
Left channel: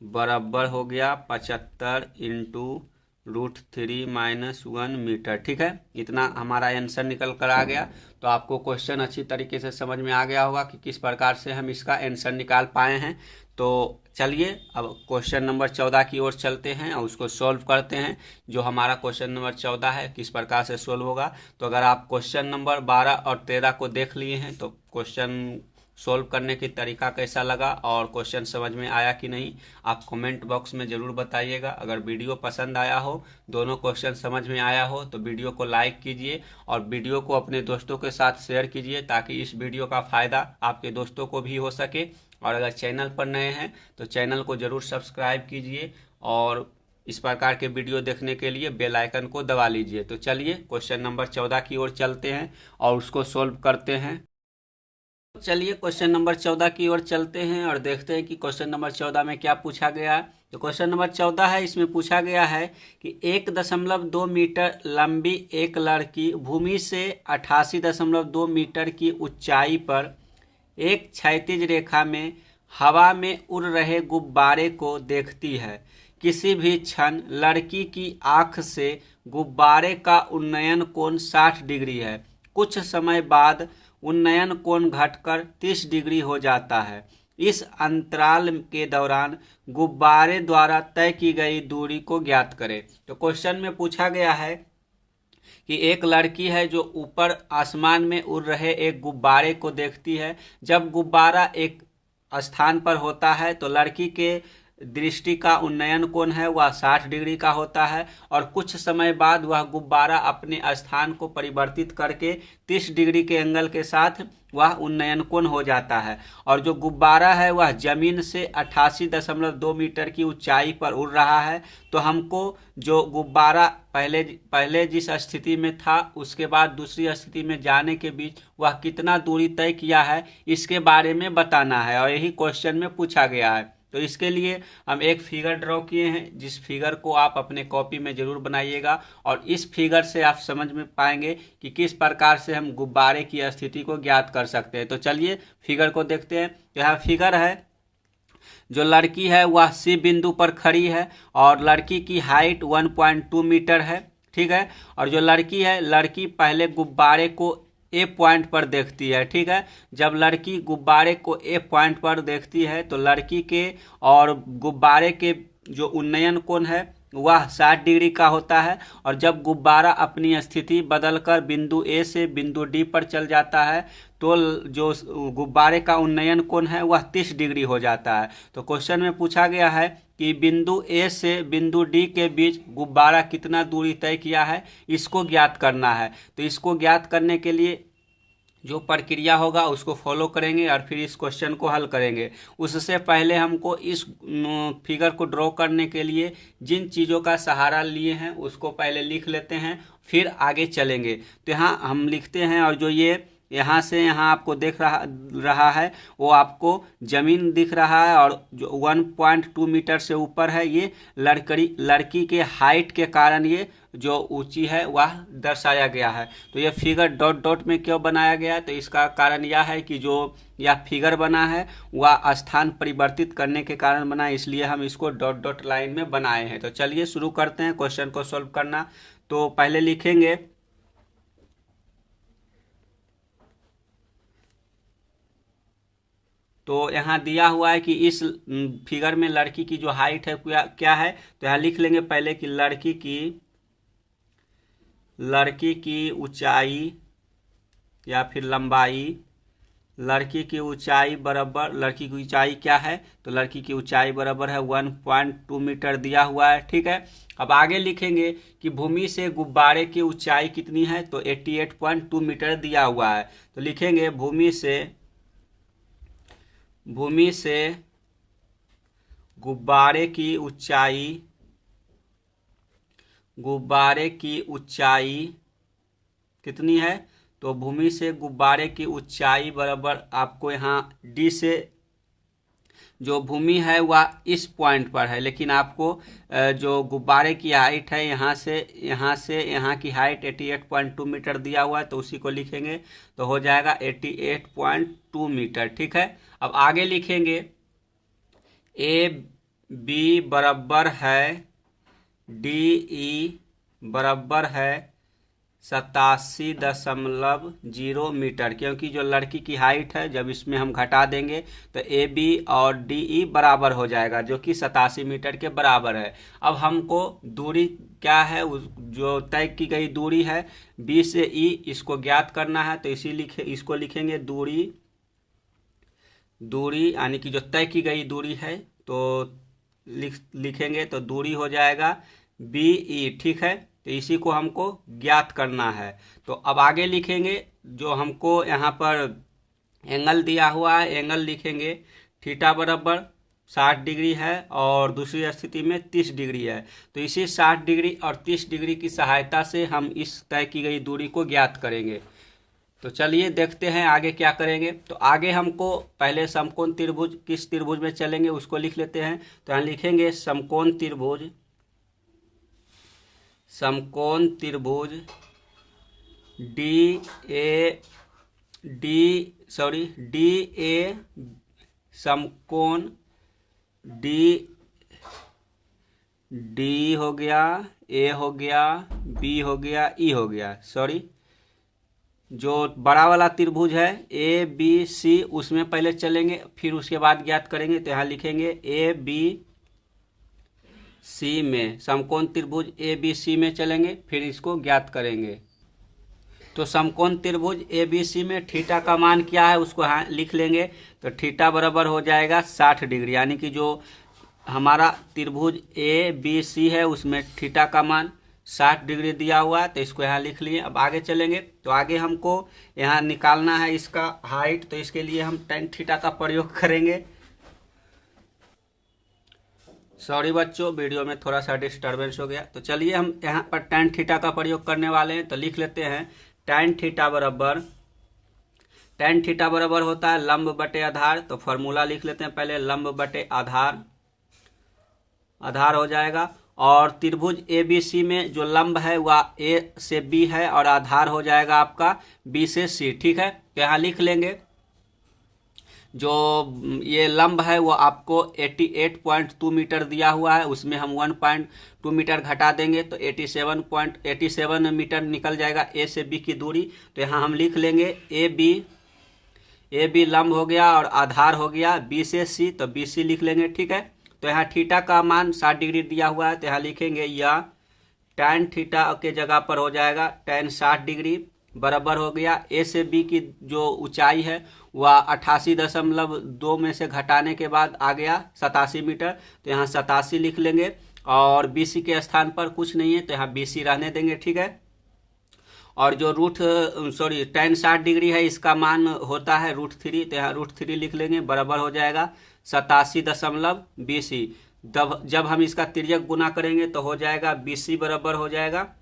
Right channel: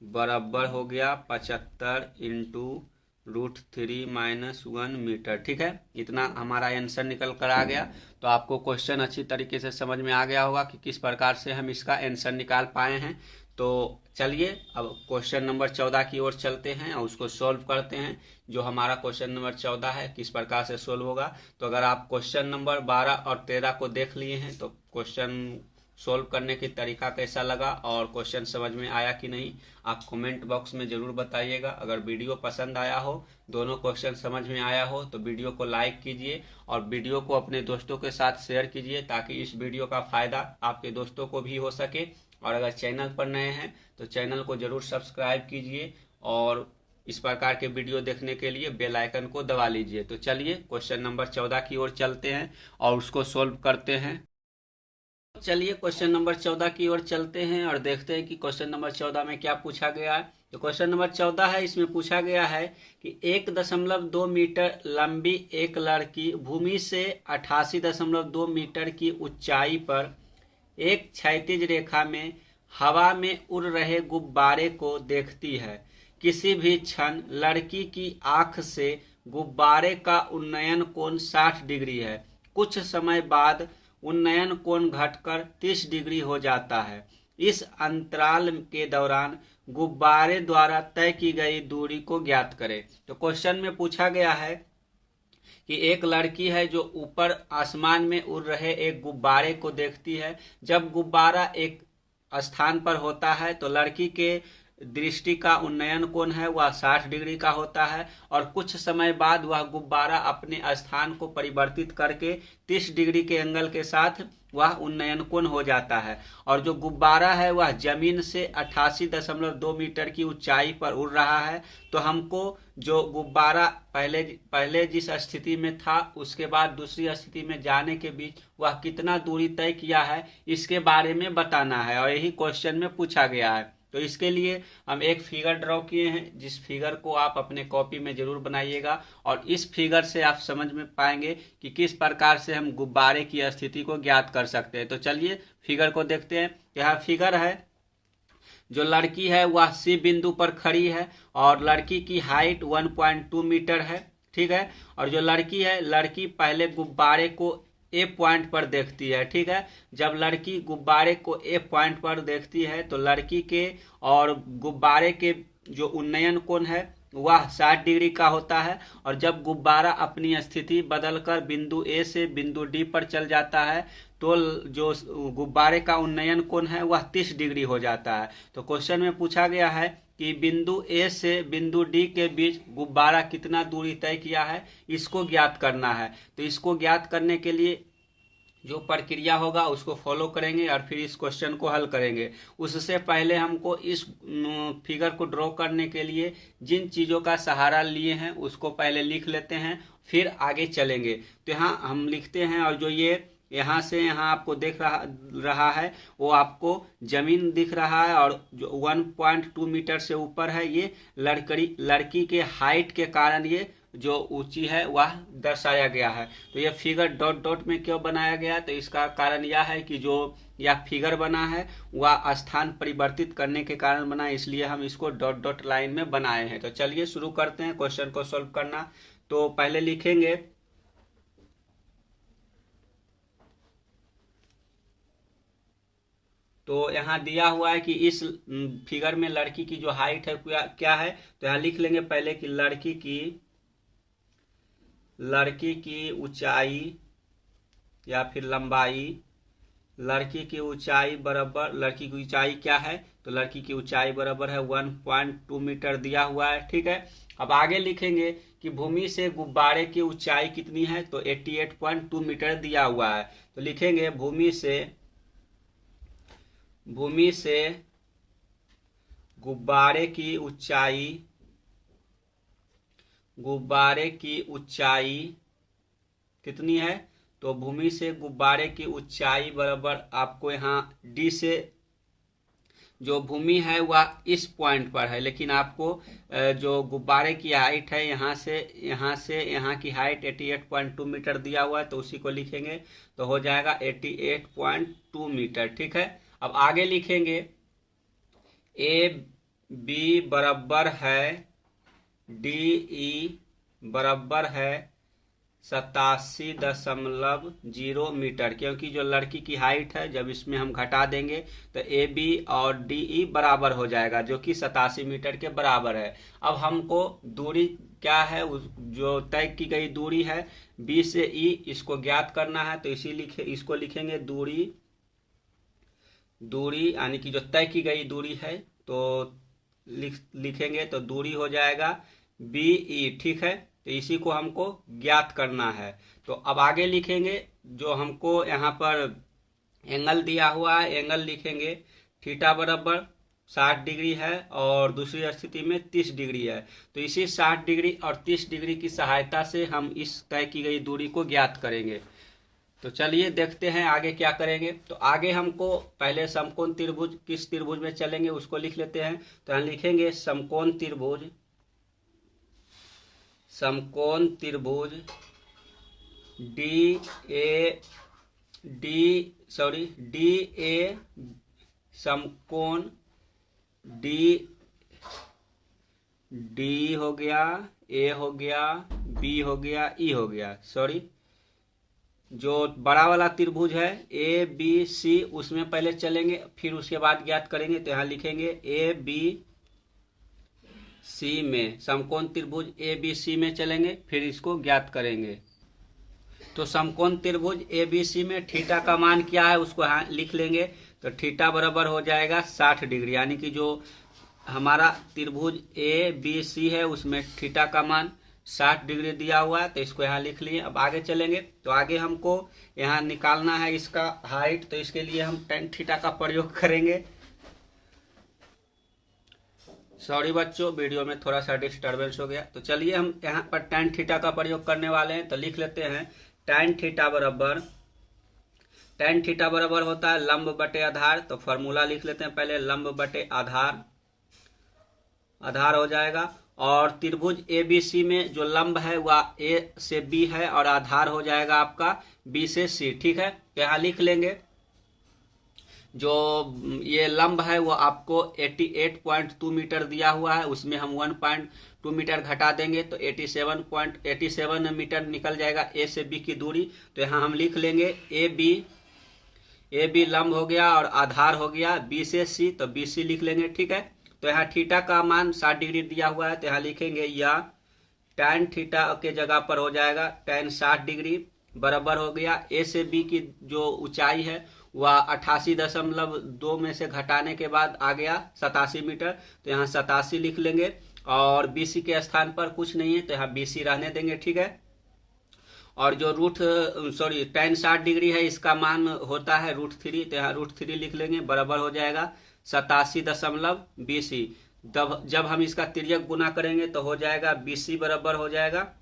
बराबर हो गया 75 इंटू √3 -1 मीटर। ठीक है, इतना हमारा आंसर निकल कर आ गया। तो आपको क्वेश्चन अच्छी तरीके से समझ में आ गया होगा कि किस प्रकार से हम इसका आंसर निकाल पाए हैं। तो चलिए अब क्वेश्चन नंबर 14 की ओर चलते हैं और उसको सॉल्व करते हैं। जो हमारा क्वेश्चन नंबर 14 है किस प्रकार से सॉल्व होगा, तो अगर आप क्वेश्चन नंबर 12 और 13 को देख लिए हैं तो क्वेश्चन सोल्व करने की तरीका कैसा लगा और क्वेश्चन समझ में आया कि नहीं, आप कमेंट बॉक्स में ज़रूर बताइएगा। अगर वीडियो पसंद आया हो, दोनों क्वेश्चन समझ में आया हो, तो वीडियो को लाइक कीजिए और वीडियो को अपने दोस्तों के साथ शेयर कीजिए ताकि इस वीडियो का फ़ायदा आपके दोस्तों को भी हो सके। और अगर चैनल पर नए हैं तो चैनल को ज़रूर सब्सक्राइब कीजिए और इस प्रकार के वीडियो देखने के लिए बेल आइकन को दबा लीजिए। तो चलिए क्वेश्चन नंबर 14 की ओर चलते हैं और उसको सोल्व करते हैं। चलिए क्वेश्चन नंबर 14 की ओर चलते हैं और देखते हैं कि क्वेश्चन नंबर 14 में क्या पूछा गया है। तो क्वेश्चन नंबर 14 है, इसमें पूछा गया है कि 1.2 मीटर लंबी एक लड़की भूमि से 88.2 मीटर की ऊंचाई पर एक क्षैतिज रेखा में हवा में उड़ रहे गुब्बारे को देखती है। किसी भी क्षण लड़की की आंख से गुब्बारे का उन्नयन कोण 60 डिग्री है। कुछ समय बाद उन्नयन कोण घटकर 30 डिग्री हो जाता है। इस अंतराल के दौरान गुब्बारे द्वारा तय की गई दूरी को ज्ञात करें। तो क्वेश्चन में पूछा गया है कि एक लड़की है जो ऊपर आसमान में उड़ रहे एक गुब्बारे को देखती है। जब गुब्बारा एक स्थान पर होता है तो लड़की के दृष्टि का उन्नयन कोण है वह 60 डिग्री का होता है और कुछ समय बाद वह गुब्बारा अपने स्थान को परिवर्तित करके 30 डिग्री के एंगल के साथ वह उन्नयन कोण हो जाता है। और जो गुब्बारा है वह जमीन से 88.2 मीटर की ऊंचाई पर उड़ रहा है। तो हमको जो गुब्बारा पहले जिस स्थिति में था उसके बाद दूसरी स्थिति में जाने के बीच वह कितना दूरी तय किया है इसके बारे में बताना है और यही क्वेश्चन में पूछा गया है। तो इसके लिए हम एक फिगर ड्रॉ किए हैं, जिस फिगर को आप अपने कॉपी में जरूर बनाइएगा और इस फिगर से आप समझ में पाएंगे कि किस प्रकार से हम गुब्बारे की स्थिति को ज्ञात कर सकते हैं। तो चलिए फिगर को देखते हैं। तो यह फिगर है, जो लड़की है वह सी बिंदु पर खड़ी है और लड़की की हाइट 1.2 मीटर है। ठीक है, और जो लड़की है, लड़की पहले गुब्बारे को ए पॉइंट पर देखती है। ठीक है, जब लड़की गुब्बारे को ए पॉइंट पर देखती है तो लड़की के और गुब्बारे के जो उन्नयन कोण है वह 60 डिग्री का होता है और जब गुब्बारा अपनी स्थिति बदलकर बिंदु ए से बिंदु डी पर चल जाता है तो जो गुब्बारे का उन्नयन कोण है वह 30 डिग्री हो जाता है। तो क्वेश्चन में पूछा गया है कि बिंदु ए से बिंदु डी के बीच गुब्बारा कितना दूरी तय किया है, इसको ज्ञात करना है। तो इसको ज्ञात करने के लिए जो प्रक्रिया होगा उसको फॉलो करेंगे और फिर इस क्वेश्चन को हल करेंगे। उससे पहले हमको इस फिगर को ड्रॉ करने के लिए जिन चीज़ों का सहारा लिए हैं उसको पहले लिख लेते हैं, फिर आगे चलेंगे। तो यहाँ हम लिखते हैं और जो ये यहाँ से यहाँ आपको देख रहा है वो आपको जमीन दिख रहा है और जो 1.2 मीटर से ऊपर है ये लड़की के हाइट के कारण ये जो ऊंची है वह दर्शाया गया है। तो यह फिगर डॉट डॉट में क्यों बनाया गया, तो इसका कारण यह है कि जो यह फिगर बना है वह स्थान परिवर्तित करने के कारण बना है, इसलिए हम इसको डॉट डॉट लाइन में बनाए हैं। तो चलिए शुरू करते हैं क्वेश्चन को सॉल्व करना। तो पहले लिखेंगे तो यहाँ दिया हुआ है कि इस फिगर में लड़की की जो हाइट है क्या है, तो यहाँ लिख लेंगे पहले कि लड़की की ऊंचाई या फिर लंबाई, लड़की की ऊंचाई बराबर, लड़की की ऊंचाई क्या है, तो लड़की की ऊंचाई बराबर है 1.2 मीटर दिया हुआ है। ठीक है, अब आगे लिखेंगे कि भूमि से गुब्बारे की ऊंचाई कितनी है, तो 88.2 मीटर दिया हुआ है। तो लिखेंगे भूमि से गुब्बारे की ऊंचाई कितनी है, तो भूमि से गुब्बारे की ऊंचाई बराबर आपको यहाँ डी से, जो भूमि है वह इस पॉइंट पर है, लेकिन आपको जो गुब्बारे की हाइट है यहाँ से यहाँ की हाइट 88.2 मीटर दिया हुआ है, तो उसी को लिखेंगे तो हो जाएगा 88.2 मीटर। ठीक है, अब आगे लिखेंगे ए बी बराबर है डी ई बराबर है 87.0 मीटर, क्योंकि जो लड़की की हाइट है जब इसमें हम घटा देंगे तो ए बी और डी ई बराबर हो जाएगा, जो कि 87 मीटर के बराबर है। अब हमको दूरी क्या है, जो तय की गई दूरी है बी से ई, इसको ज्ञात करना है। तो इसको लिखेंगे दूरी यानी कि जो तय की गई दूरी है, तो लिखेंगे तो दूरी हो जाएगा बी ई। ठीक है, तो इसी को हमको ज्ञात करना है। तो अब आगे लिखेंगे जो हमको यहाँ पर एंगल दिया हुआ है, एंगल लिखेंगे थीटा बराबर 60 डिग्री है और दूसरी स्थिति में 30 डिग्री है। तो इसी 60 डिग्री और 30 डिग्री की सहायता से हम इस तय की गई दूरी को ज्ञात करेंगे। तो चलिए देखते हैं आगे क्या करेंगे। तो आगे हमको पहले समकोण त्रिभुज, किस त्रिभुज में चलेंगे उसको लिख लेते हैं। तो यहाँ लिखेंगे समकोण त्रिभुज डी ए समकोण डी हो गया, ए हो गया, बी हो गया, ई हो गया, जो बड़ा वाला त्रिभुज है ए बी सी, उसमें पहले चलेंगे फिर उसके बाद ज्ञात करेंगे। तो यहाँ लिखेंगे ए बी सी में, समकोण त्रिभुज ए बी सी में चलेंगे फिर इसको ज्ञात करेंगे। तो समकोण त्रिभुज ए बी सी में थीटा का मान क्या है उसको लिख लेंगे। तो थीटा बराबर हो जाएगा 60 डिग्री, यानी कि जो हमारा त्रिभुज ए बी सी है उसमें थीटा का मान 60 डिग्री दिया हुआ है, तो इसको यहाँ लिख लिए। अब आगे चलेंगे तो आगे हमको यहाँ निकालना है इसका हाइट, तो इसके लिए हम tan थीटा का प्रयोग करेंगे। सॉरी बच्चों, वीडियो में थोड़ा सा डिस्टर्बेंस हो गया। तो चलिए हम यहाँ पर tan थीटा का प्रयोग करने वाले हैं। तो लिख लेते हैं tan थीटा बराबर होता है लंब बटे आधार। तो फॉर्मूला लिख लेते हैं पहले, लंब बटे आधार हो जाएगा। और त्रिभुज ए बी सी में जो लंब है वह ए से बी है और आधार हो जाएगा आपका बी से सी। ठीक है, तो यहाँ लिख लेंगे जो ये लंब है वो आपको 88.2 मीटर दिया हुआ है, उसमें हम 1.2 मीटर घटा देंगे तो 87 मीटर निकल जाएगा ए से बी की दूरी। तो यहाँ हम लिख लेंगे ए बी लंब हो गया और आधार हो गया बी से सी, तो बी सी लिख लेंगे। ठीक है, तो यहाँ थीटा का मान 60 डिग्री दिया हुआ है, तो यहाँ लिखेंगे या tan थीटा के जगह पर हो जाएगा tan 60 डिग्री बराबर हो गया ए से बी की जो ऊंचाई है वह 88.2 में से घटाने के बाद आ गया 87 मीटर। तो यहाँ 87 लिख लेंगे और बी सी के स्थान पर कुछ नहीं है तो यहाँ बी सी रहने देंगे। ठीक है, और जो tan 60 डिग्री है इसका मान होता है √3, तो यहाँ √3 लिख लेंगे बराबर हो जाएगा 87.BC। जब हम इसका तिर्यक गुना करेंगे तो हो जाएगा BC बराबर हो जाएगा,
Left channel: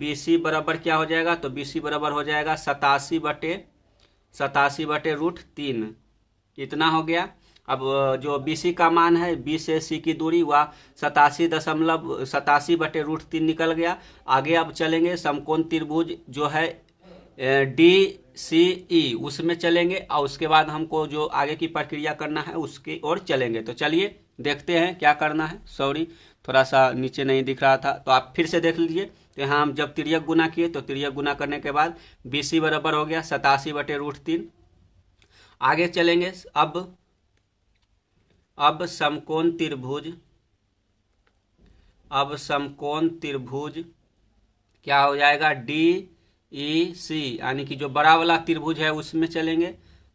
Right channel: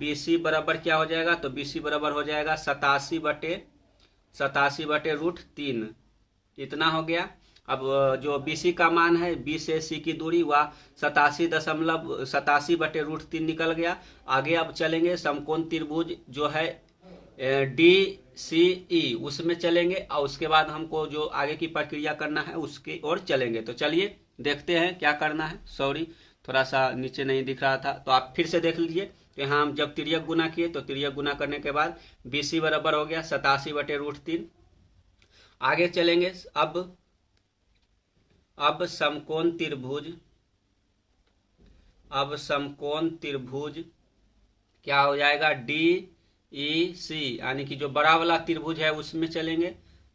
BC बराबर क्या हो जाएगा, तो BC बराबर हो जाएगा 87 बटे √3, इतना हो गया। अब जो BC का मान है, B से C की दूरी वह 87.87/√3 निकल गया। आगे अब चलेंगे समकोण त्रिभुज जो है DCE उसमें चलेंगे, और उसके बाद हमको जो आगे की प्रक्रिया करना है उसकी ओर चलेंगे। तो चलिए देखते हैं क्या करना है। सॉरी, थोड़ा सा नीचे नहीं दिख रहा था, तो आप फिर से देख लीजिए। तो यहाँ हम जब तिर्यक गुना किए तो तिर्यक गुना करने के बाद BC बराबर हो गया 87/√3। आगे चलेंगे। अब समकोण त्रिभुज क्या हो जाएगा, DEC, यानी कि जो बड़ा वाला त्रिभुज है उसमें चलेंगे।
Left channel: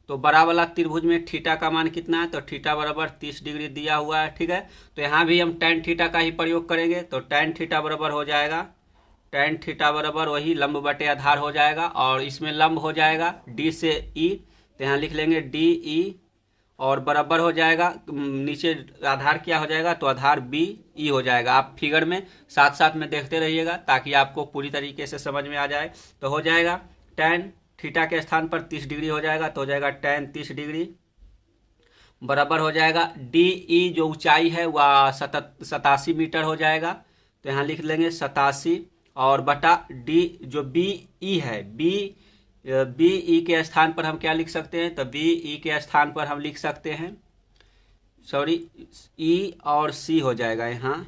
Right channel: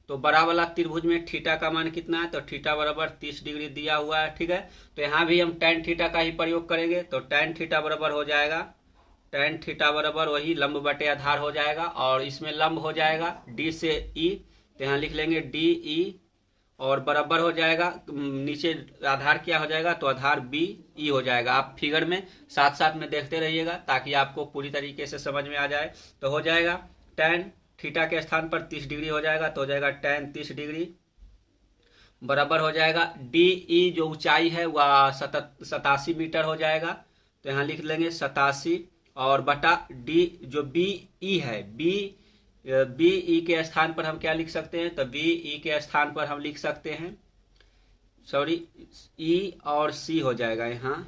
तो बड़ा वाला त्रिभुज में थीटा का मान कितना है, तो थीटा बराबर 30 डिग्री दिया हुआ है। ठीक है, तो यहाँ भी हम tan थीटा का ही प्रयोग करेंगे। तो tan थीटा बराबर हो जाएगा, tan थीटा बराबर वही लंब बटे आधार हो जाएगा, और इसमें लंब हो जाएगा D से E। तो यहाँ लिख लेंगे DE, और बराबर हो जाएगा, नीचे आधार क्या हो जाएगा, तो आधार BE हो जाएगा। आप फिगर में साथ साथ में देखते रहिएगा ताकि आपको पूरी तरीके से समझ में आ जाए। तो हो जाएगा tan थीटा के स्थान पर 30 डिग्री हो जाएगा, तो हो जाएगा tan 30 डिग्री बराबर हो जाएगा DE जो ऊंचाई है वह 87 मीटर हो जाएगा। तो यहाँ लिख लेंगे 87, और बटा D जो BE है, BE के स्थान पर हम क्या लिख सकते हैं, तो BE के स्थान पर हम लिख सकते हैं, सॉरी, E और C हो जाएगा यहाँ,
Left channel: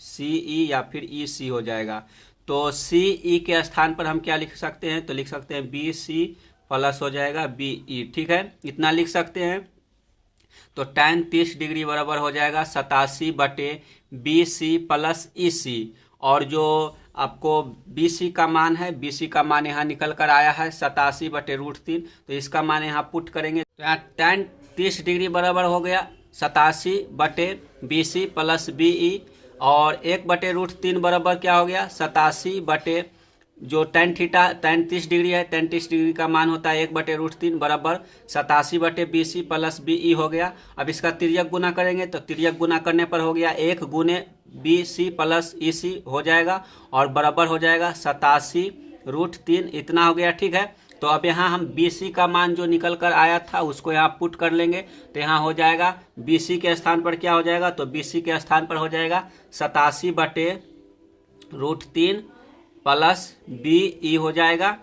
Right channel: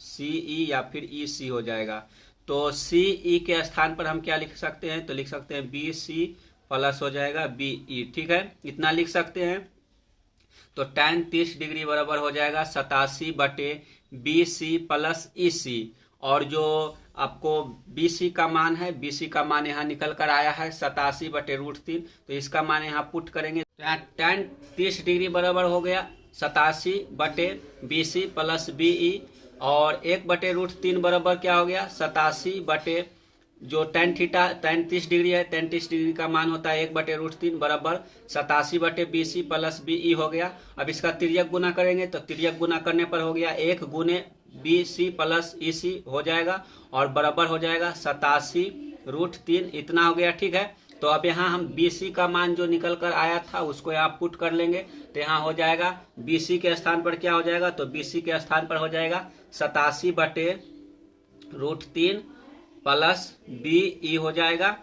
CE या फिर EC हो जाएगा। तो CE के स्थान पर हम क्या लिख सकते हैं, तो लिख सकते हैं BC प्लस हो जाएगा BE। ठीक है, इतना लिख सकते हैं। तो tan 30 डिग्री बराबर हो जाएगा 87/BC प्लस EC, और जो आपको BC का मान है, BC का मान यहाँ निकल कर आया है 87/√3। तो इसका मान यहाँ पुट करेंगे, तो यहाँ tan 30 डिग्री बराबर हो गया 87/BC प्लस BE, और 1/√3 बराबर क्या हो गया 87 जो tan 30 डिग्री है, tan 30 डिग्री का मान होता है 1/√3 बराबर 87/BC प्लस BE हो गया। अब इसका तिर्यक गुना करेंगे, तो तिर्यक गुना करने पर हो गया 1 गुने BC प्लस EC हो जाएगा, और बराबर हो जाएगा 87√3, इतना हो गया। ठीक है, तो अब यहाँ हम BC का मान जो निकल कर आया था उसको यहाँ पुट कर लेंगे। तो यहाँ हो जाएगा BC के स्थान पर क्या हो जाएगा, तो BC के स्थान पर हो जाएगा 87/√3 प्लस BE हो जाएगा,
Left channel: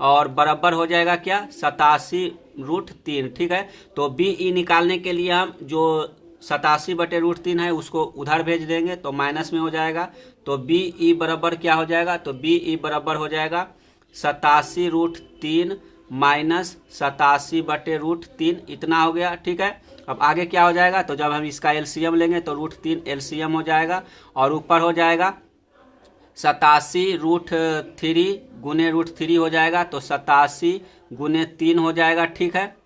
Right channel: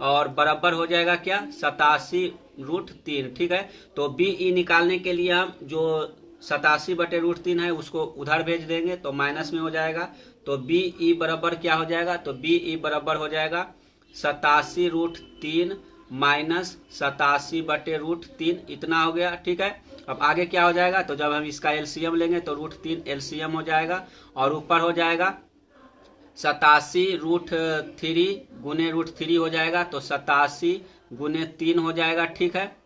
और बराबर हो जाएगा क्या 87√3। ठीक है, तो BE निकालने के लिए हम जो 87/√3 है उसको उधर भेज देंगे, तो माइनस में हो जाएगा। तो BE बराबर क्या हो जाएगा, तो BE बराबर हो जाएगा 87√3 माइनस 87/√3, इतना हो गया। ठीक है, अब आगे क्या हो जाएगा, तो जब हम इसका LCM लेंगे तो √3 LCM हो जाएगा, और ऊपर हो जाएगा 87√3 गुने √3 हो जाएगा, तो 87 गुने 3 हो जाएगा। ठीक है,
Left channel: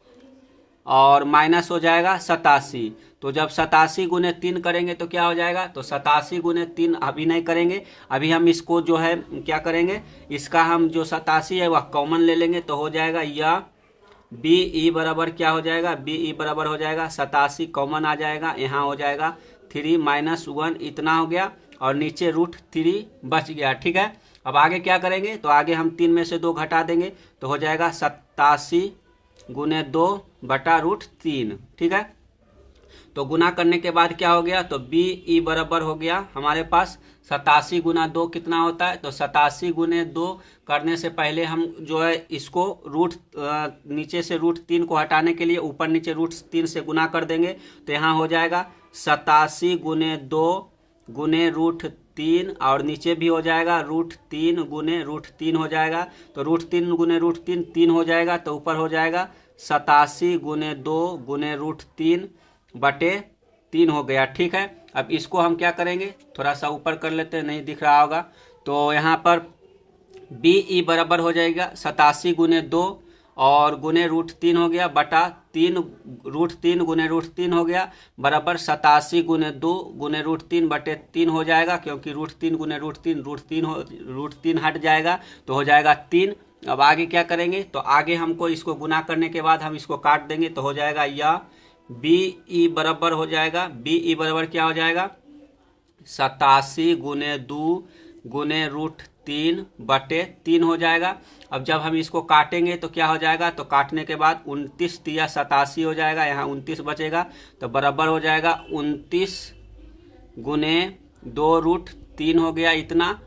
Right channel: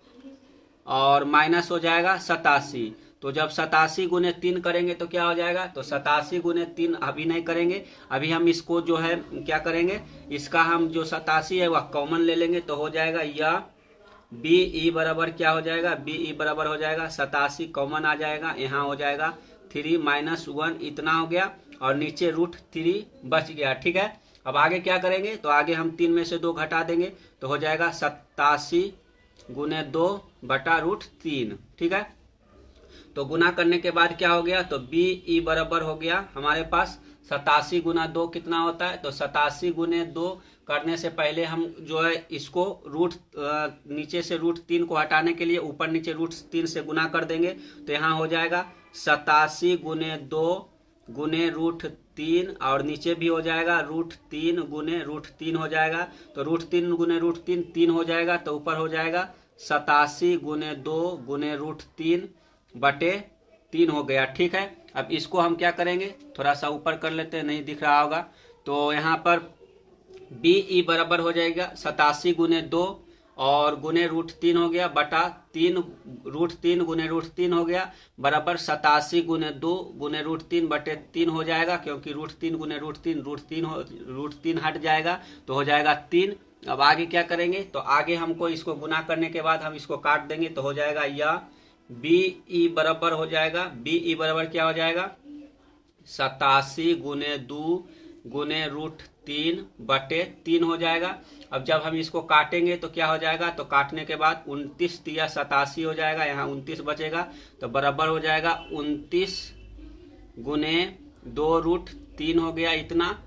और माइनस हो जाएगा 87। तो जब 87 गुने 3 करेंगे तो क्या हो जाएगा, तो 87 गुने 3 अभी नहीं करेंगे, अभी हम इसको जो है क्या करेंगे, इसका हम जो 87 है वह कॉमन ले लेंगे। तो हो जाएगा यह BE बराबर क्या हो जाएगा, BE बराबर हो जाएगा 87 कॉमन आ जाएगा, यहाँ हो जाएगा 3 - 1, इतना हो गया, और नीचे √3 बच गया। ठीक है, अब आगे क्या करेंगे, तो आगे हम 3 में से 2 घटा देंगे, तो हो जाएगा 87 गुने 2/√3। ठीक है, तो गुना करने के बाद क्या हो गया, तो BE बराबर हो गया हमारे पास 87 गुना 2 कितना होता है, तो 87 गुने 2 करने से पहले हम जो है इसको नीचे से √3 को हटाने के लिए ऊपर नीचे √3 से गुना कर देंगे। तो यहाँ हो जाएगा 87 गुने 2 गुने √3, और नीचे भी हो जाएगा √3 गुने √3 हो जाएगा। तो √3 गुने √3 3 हो जाएगा, तो ऊपर हो जाएगा 87 गुने 2 गुने √3/3 हो गया। ठीक है, अब इसको हम क्या करेंगे, थोड़ा सा ऊपर कर लेते हैं, नहीं दिख रहा होगा। तो यहाँ पर BE बराबर हो जाएगा 87 गुने 2 और गुने √3 हो गया बटा 3 √3 गुने √3 हो गया बराबर 87 गुने 2 गुने √3/3 हो जाएगा, क्योंकि √3 गुने √3 हट जाएगा तो हो जाएगा 3। अब आगे क्या करेंगे, तो आगे हमको इसको गुना करने के बाद हम इसको काट देंगे, तो हो जाएगा यह BE बराबर हो जाएगा, BE बराबर क्या हो जाएगा 87 गुने 2 गुने 3/3 हो जाएगा। अब जब हम इसको काटेंगे तो क्या हो जाएगा, तो काटने के बाद 29 तिया 87 हो जाएगा, यहाँ 29 बचेगा तो बराबर हो जाएगा 29 गुने 2√3 हो गया इतना।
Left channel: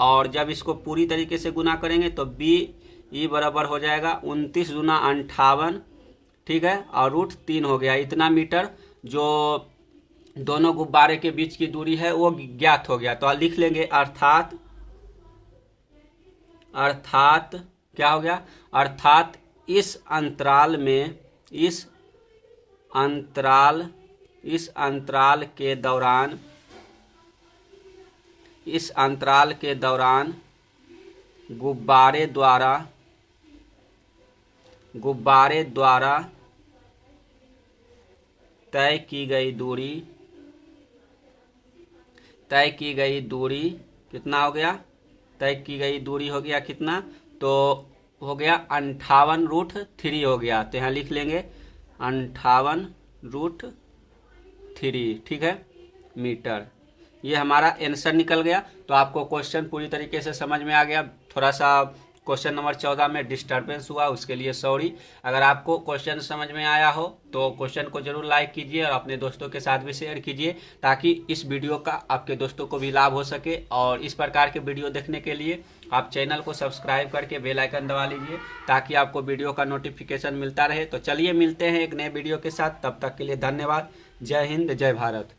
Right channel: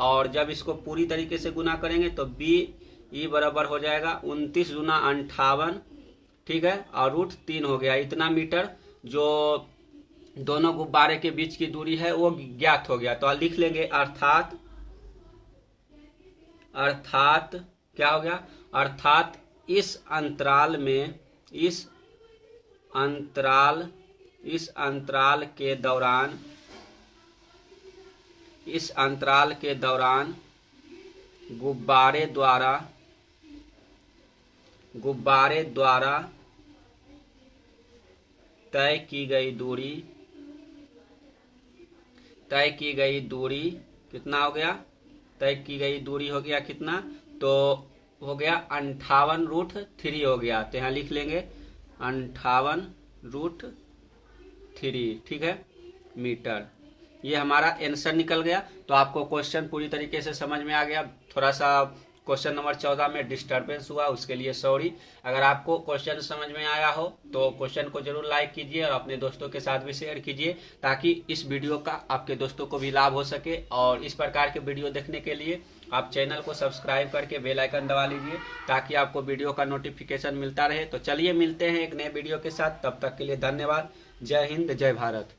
और जब इसको पूरी तरीके से गुना करेंगे तो BE बराबर हो जाएगा 29 गुना 58, ठीक है, और √3 हो गया इतना मीटर। जो दोनों गुब्बारे के बीच की दूरी है वो ज्ञात हो गया, तो लिख लेंगे अर्थात क्या हो गया, अर्थात इस अंतराल के दौरान गुब्बारे द्वारा तय की गई दूरी कितना हो गया, तय की गई दूरी हो गया कितना, तो हो गया 58√3 हो गया। तो यहाँ लिख लेंगे 58√3, ठीक है, मीटर। ये हमारा आंसर निकल गया। तो आपको क्वेश्चन पूरी तरीके से समझ में आ गया। थोड़ा सा क्वेश्चन नंबर 14 में डिस्टर्बेंस हुआ, उसके लिए सॉरी। अगर आपको क्वेश्चन समझ में आया हो तो क्वेश्चन को जरूर लाइक कीजिए और अपने दोस्तों के साथ भी शेयर कीजिए, ताकि इस वीडियो का आपके दोस्तों को भी लाभ हो सके। और इस प्रकार के वीडियो देखने के लिए आप चैनल को सब्सक्राइब करके बेल आइकन दबा लीजिए, ताकि आपको वीडियो का नोटिफिकेशन मिलता रहे। तो चलिए मिलते हैं एक नए वीडियो के साथ, तब तक के लिए धन्यवाद। जय हिंद, जय भारत।